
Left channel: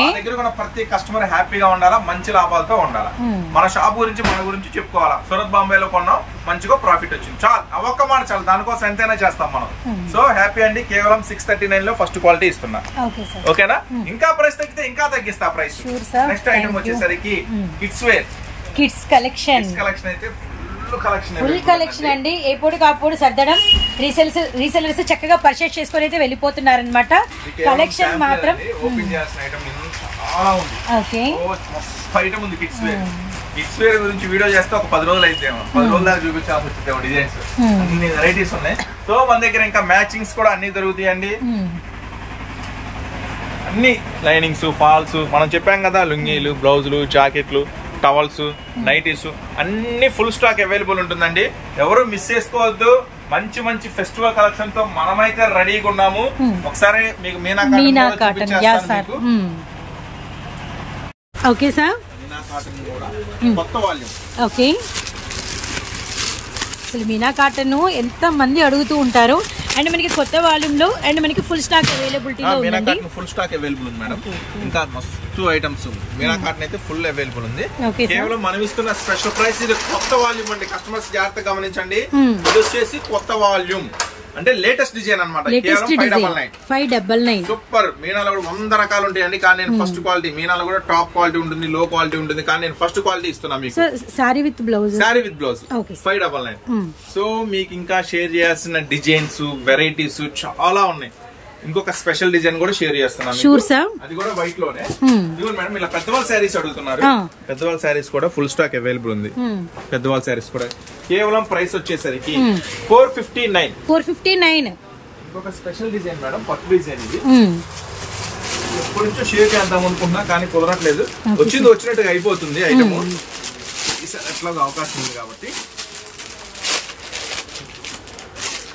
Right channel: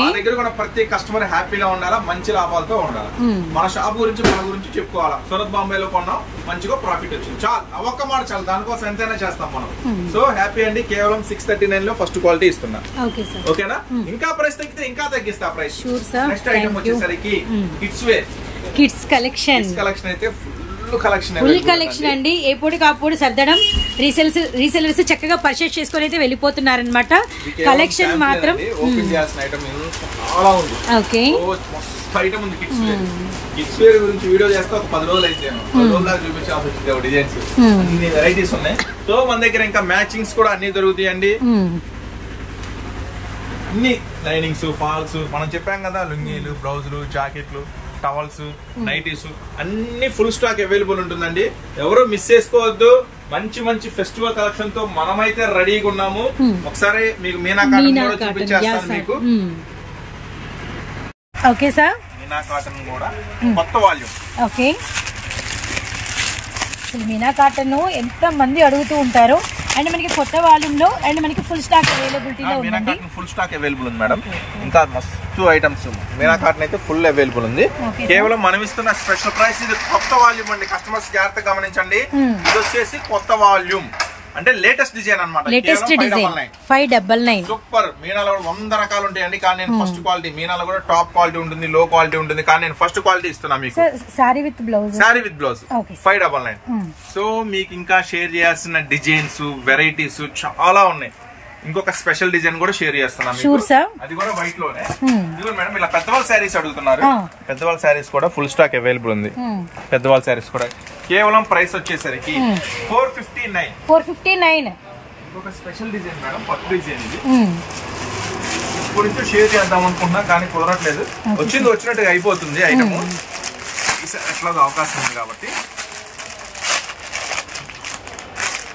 మా దగ్గర కూడా ప్రతి కస్టమర్ హ్యాపీగా ఉండాలా, మంచి లాభాలతో ఉండాలా. మన షాప్ గురించి మన గురించి చెప్పుకోవాలా. సూరత్ బాంబేలో కొన్నాం, మంచిగా ప్రాఫిట్ వచ్చింది, చాలు. ఒక్క మాట చాలు, దానికోసం ఎంతైనా చేస్తాం మనం. సో హ్యాపీ అండి. కేవలం 639 లో ఫస్ట్ క్వాలిటీ ఇస్తున్నా. ఓకేనా? ఇంకా ప్రైస్ తగ్గితే ఇంకా తగ్గిస్తా ప్రైస్. నెక్స్ట్ ఐటమ్ వచ్చేసరికి కిడ్స్ వేర్. కిడ్స్ కలెక్షన్ అయితే ఫుల్ కలెక్షన్ అండి. ఎప్పుడు కాప్పుడు సర్దడం. రీసెలర్స్ చక్కగా పర్చేస్ చేసుకొని అయితే వెళ్ళిపోతున్నారనమాట. కలెక్షన్ మాత్రం ఓకే. ఐటమ్ ఉంది కిడ్స్ వేర్. కిడ్స్ వేర్ గురించి వీడియో చేస్తే ఒక 10 రోజులు అయితే 10 రోజుల దాకా చూపించాల్సి వచ్చింది. డిజైన్స్ అన్ని వెరైటీస్ ఉన్నాయి. సో మన దగ్గర ఇంకా మ్యాచింగ్స్ కూడా అన్ని దొరుకుతాయండి. అన్ని లైనింగ్స్, ఫాల్స్, మనం చెప్పాం కదా, లుంగీలు, బ్లౌజులు, జాకెట్లు, టవల్స్, నైటీస్ అన్ని ఫుల్ స్టాక్ అవైలబుల్ ఉంటుందండి. ఎవరు మిస్ చేసుకోవద్దు. మంచి మంచి ఫెస్టివల్ కలెక్షన్ తో మనమైతే రెడీగా ఉన్నాము. ఒకసారి మీకు మీనా కాటన్ చూపించేస్తాను మీకు. Okay sir. మీనా కాటన్ కూడా కొత్త వాల్యూమ్. ఓకే. అసలు మీనా కాటన్ ఎంత మంది అడుగుతూ ఉంటారు. అండ్ మనకి కొత్త వాల్యూమ్ లో అండ్ మనకి ఫుల్ స్టాక్ అవైలబిలిటీలో ఉందండి. ఫుల్ స్టాక్ అవైలబుల్ ఉంది మేడం. ఇంకా మస్తు ఐటమ్స్ మీనా కాటన్ అయితే ఫుల్ అవైలబుల్ ఉంది. కేవలం మనం ఇస్తున్న స్పెషల్ ప్రైస్. ఇది కొత్త వాల్యూమ్ అండి. కస్టమర్స్ జాగ్రత్తగా గమనించండి. ఇది వచ్చేసి కొత్త వాల్యూమ్. అంటే లేటెస్ట్ డిజైన్ అన్నమాట. 599 సూపర్. మీనాలో కూడా 100 రకాలు ఉంటాయండి. కానీ నేను ఫస్ట్ క్వాలిటీ, మీనాలో కూడా టాప్ క్వాలిటీ ఉంటుంది, లో క్వాలిటీ ఉంటుంది. కానీ నేను ఫస్ట్ క్వాలిటీ ఇస్తున్నా మీకు. Sorry with blouse 599. సో మీకు ఇంకా షేర్ చేయాల్సిన డిజైన్స్, వెరైటీస్ చాలా ఉన్నాయి. ఇంకొక స్పెషల్ డిజైన్ కూడా షేర్ చేస్తున్నాను. అది కూడా వైట్ లోనే. మేడం ఇలా పెద్దవాళ్ళ శారీస్ అడుగుతున్నారు. పెద్దవాళ్ళ శారీస్ కూడా ఫుల్ స్టాక్ అవైలబుల్ ఉంది. పెద్దవాళ్ళ శారీస్ కూడా కేవలం ప్రైస్ వచ్చేసరికి 459. ఒక స్పెషల్ డిజైన్ మేడం, పట్టు డిజైన్ ఇది. ఎప్పటి నుంచో షేర్ చేద్దాం అనుకున్నా కానీ కుదరట్లేదు. వచ్చినట్టుగా అయిపోతుంది ఐటమ్. ఎట్లాగో అవకాశం ఉంది కాబట్టి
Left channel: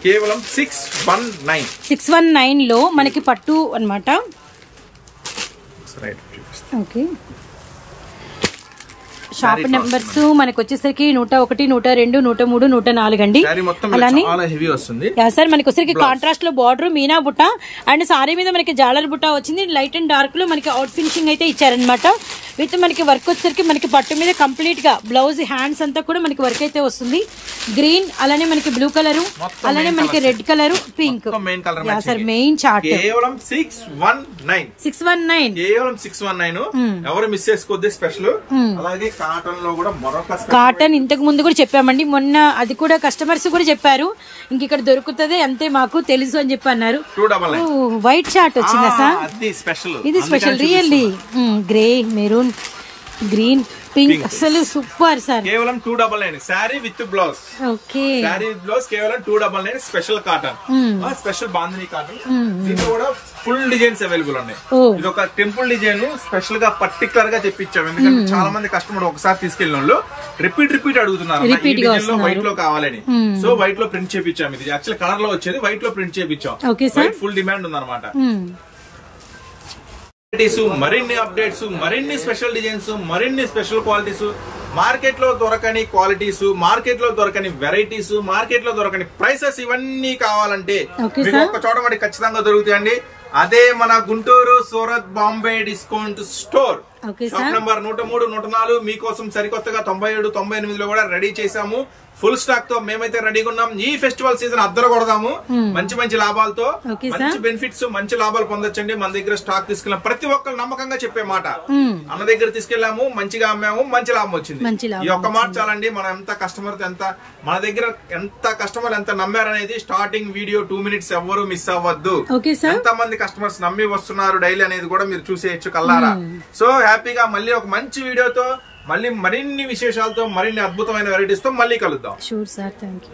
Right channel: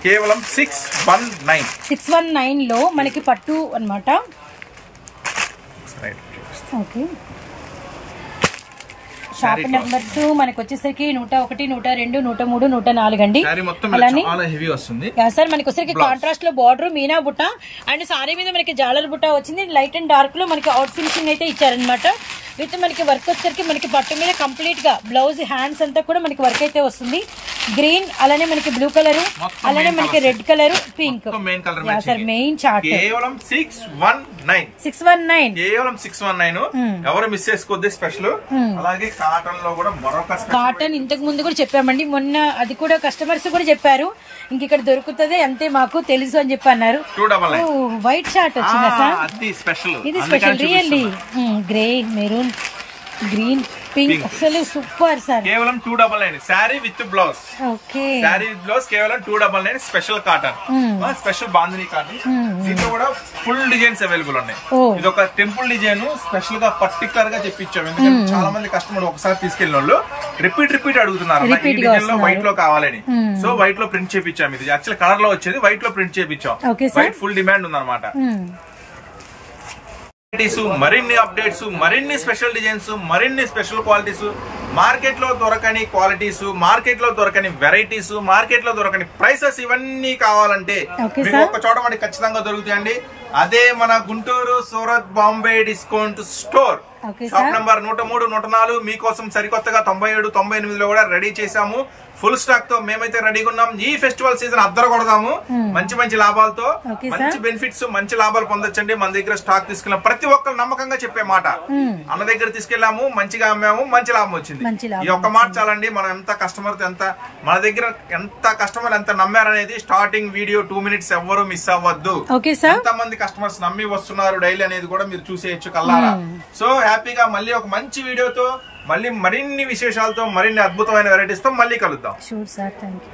కేవలం 619 లో మనకి పట్టు అన్నమాట. ఓకే, షాప్ నెంబర్స్ మనకి వచ్చేసరికి 101, 102, 103, 104 అండి. అలానే సార్ మనకి వచ్చేసరికి కాంట్రాస్ట్ లో బార్డర్ మీనా బుట్ట అండ్ సారీ మీద మనకి జాలర్ బుట్ట వచ్చింది. లైట్ అండ్ డార్క్ లో మనకి అవుట్ ఫినిషింగ్ అయితే ఇచ్చారనమాట. విత్ మనకి వర్క్ వచ్చేసరికి మనకి పట్టు మీద కంప్లీట్ గా బ్లౌజ్ హ్యాండ్స్ అంతా కూడా మనకి వర్క్ అయితే వస్తుంది. గ్రీన్, అలానే మనకి బ్లూ కలర్, అలానే మనకి red colour, pink. Sir main chart కేవలం 619 కేవలం 619. ఎవరు మిస్ చేసుకోవద్దు స్పెషల్. అలాగే కాటన్ లో కూడా మరొక కాటన్ ఇంతకు ముందు కూడా చెప్పామండి, మొన్న అది కూడా కస్టమర్స్ కూడా చెప్పారు ఇంక ఇక్కడ దొరుకుతుంది అంతే మాకు తెలుసు అని చెప్పి అన్నారు. వైట్ షార్ట్ వచ్చిందా సార్? ఇది special really. Grey, maroon, green, pink, అసలు సూపర్ సార్. కేవలం 299 sari with blouse. Okay, sari with blouse కేవలం 299 special cotton, special bandhani cotton. దీంట్లో కూడా ఫుల్ డిజైన్స్ అవైలబుల్ ఉన్నాయి. ఇది ఒక టెంపుల్ డిజైన్ స్పెషల్ గా పర్టికులర్ గా తెప్పించాం. ఎందుకంటే చాలా మంది కస్టమర్ ఒకసారి తీసుకెళ్లిన వాళ్ళు రిపీట్ అడుగుతున్నారు వైట్ లో కావాలని. సో వైట్ లో ప్రింట్ చేపించాం. ఇది యాక్చువల్ కలర్ లో వచ్చేది, వైట్ లో ప్రింట్ చేపించాం. వైట్ ఫుల్ డిమాండ్ ఉందన్నమాట. మరిన్ని అప్డేట్స్, మరిన్ని స్పెషల్ డిజైన్స్, మరిన్ని స్పెషల్ క్వాలిటీస్, మార్కెట్ లో దొరకని క్వాలిటీస్, మార్కెట్ లో దొరకని వెరైటీస్, మార్కెట్ లో దొరకని ప్రైసెస్, ఇవన్నీ కావాలంటే మీకు ఒక చోట మనకి ఖచ్చితంగా దొరుకుతాయండి. అదే మన Guntur Surat Bombay discount store. Shop number 103, 104 మీకోసం సరికొత్తగా 97, 98 లో కూడా రెడీ చేశాము. ఫుల్ స్టాక్ తో మేమైతే రెడీగా ఉన్నాం. ఈ ఫెస్టివల్ సీజన్ అద్దరు కొడదాము మంచి లాభాలతో. మంచి బెనిఫిట్స్, మంచి లాభాలు పొందొచ్చండి. మన దగ్గర స్టాక్ తీసుకెళ్ళాం. ప్రతి ఒక్కరు నమ్మకంగా చెప్పే మాట, అన్న దగ్గర తీసుకెళ్లాము, మంచిగా అమ్మాము, మంచి లాభం వచ్చింది. ఈ ఒక్క మాట చాలండి. మనం ఎంత కస్టమర్ మన దగ్గర ఎంత కస్టమర్ ఎంత నమ్మారనేది స్టార్టింగ్ వీడియో 2 minutes ఎవరు మిస్ అవ్వద్దు. ఎంత మంది కస్టమర్స్ నమ్మి వస్తున్నారు డైలీ అనేది కూడా మీరు చూసేయచ్చు కల్లారా. సో హ్యాపీగా మళ్ళీ ఒక మంచి వీడియోతో, మళ్ళీ మరిన్ని విశేషాలతో, మరిన్ని అద్భుతమైన వెరైటీస్ తో మళ్ళీ కలుద్దాం. Sure sir, thank you.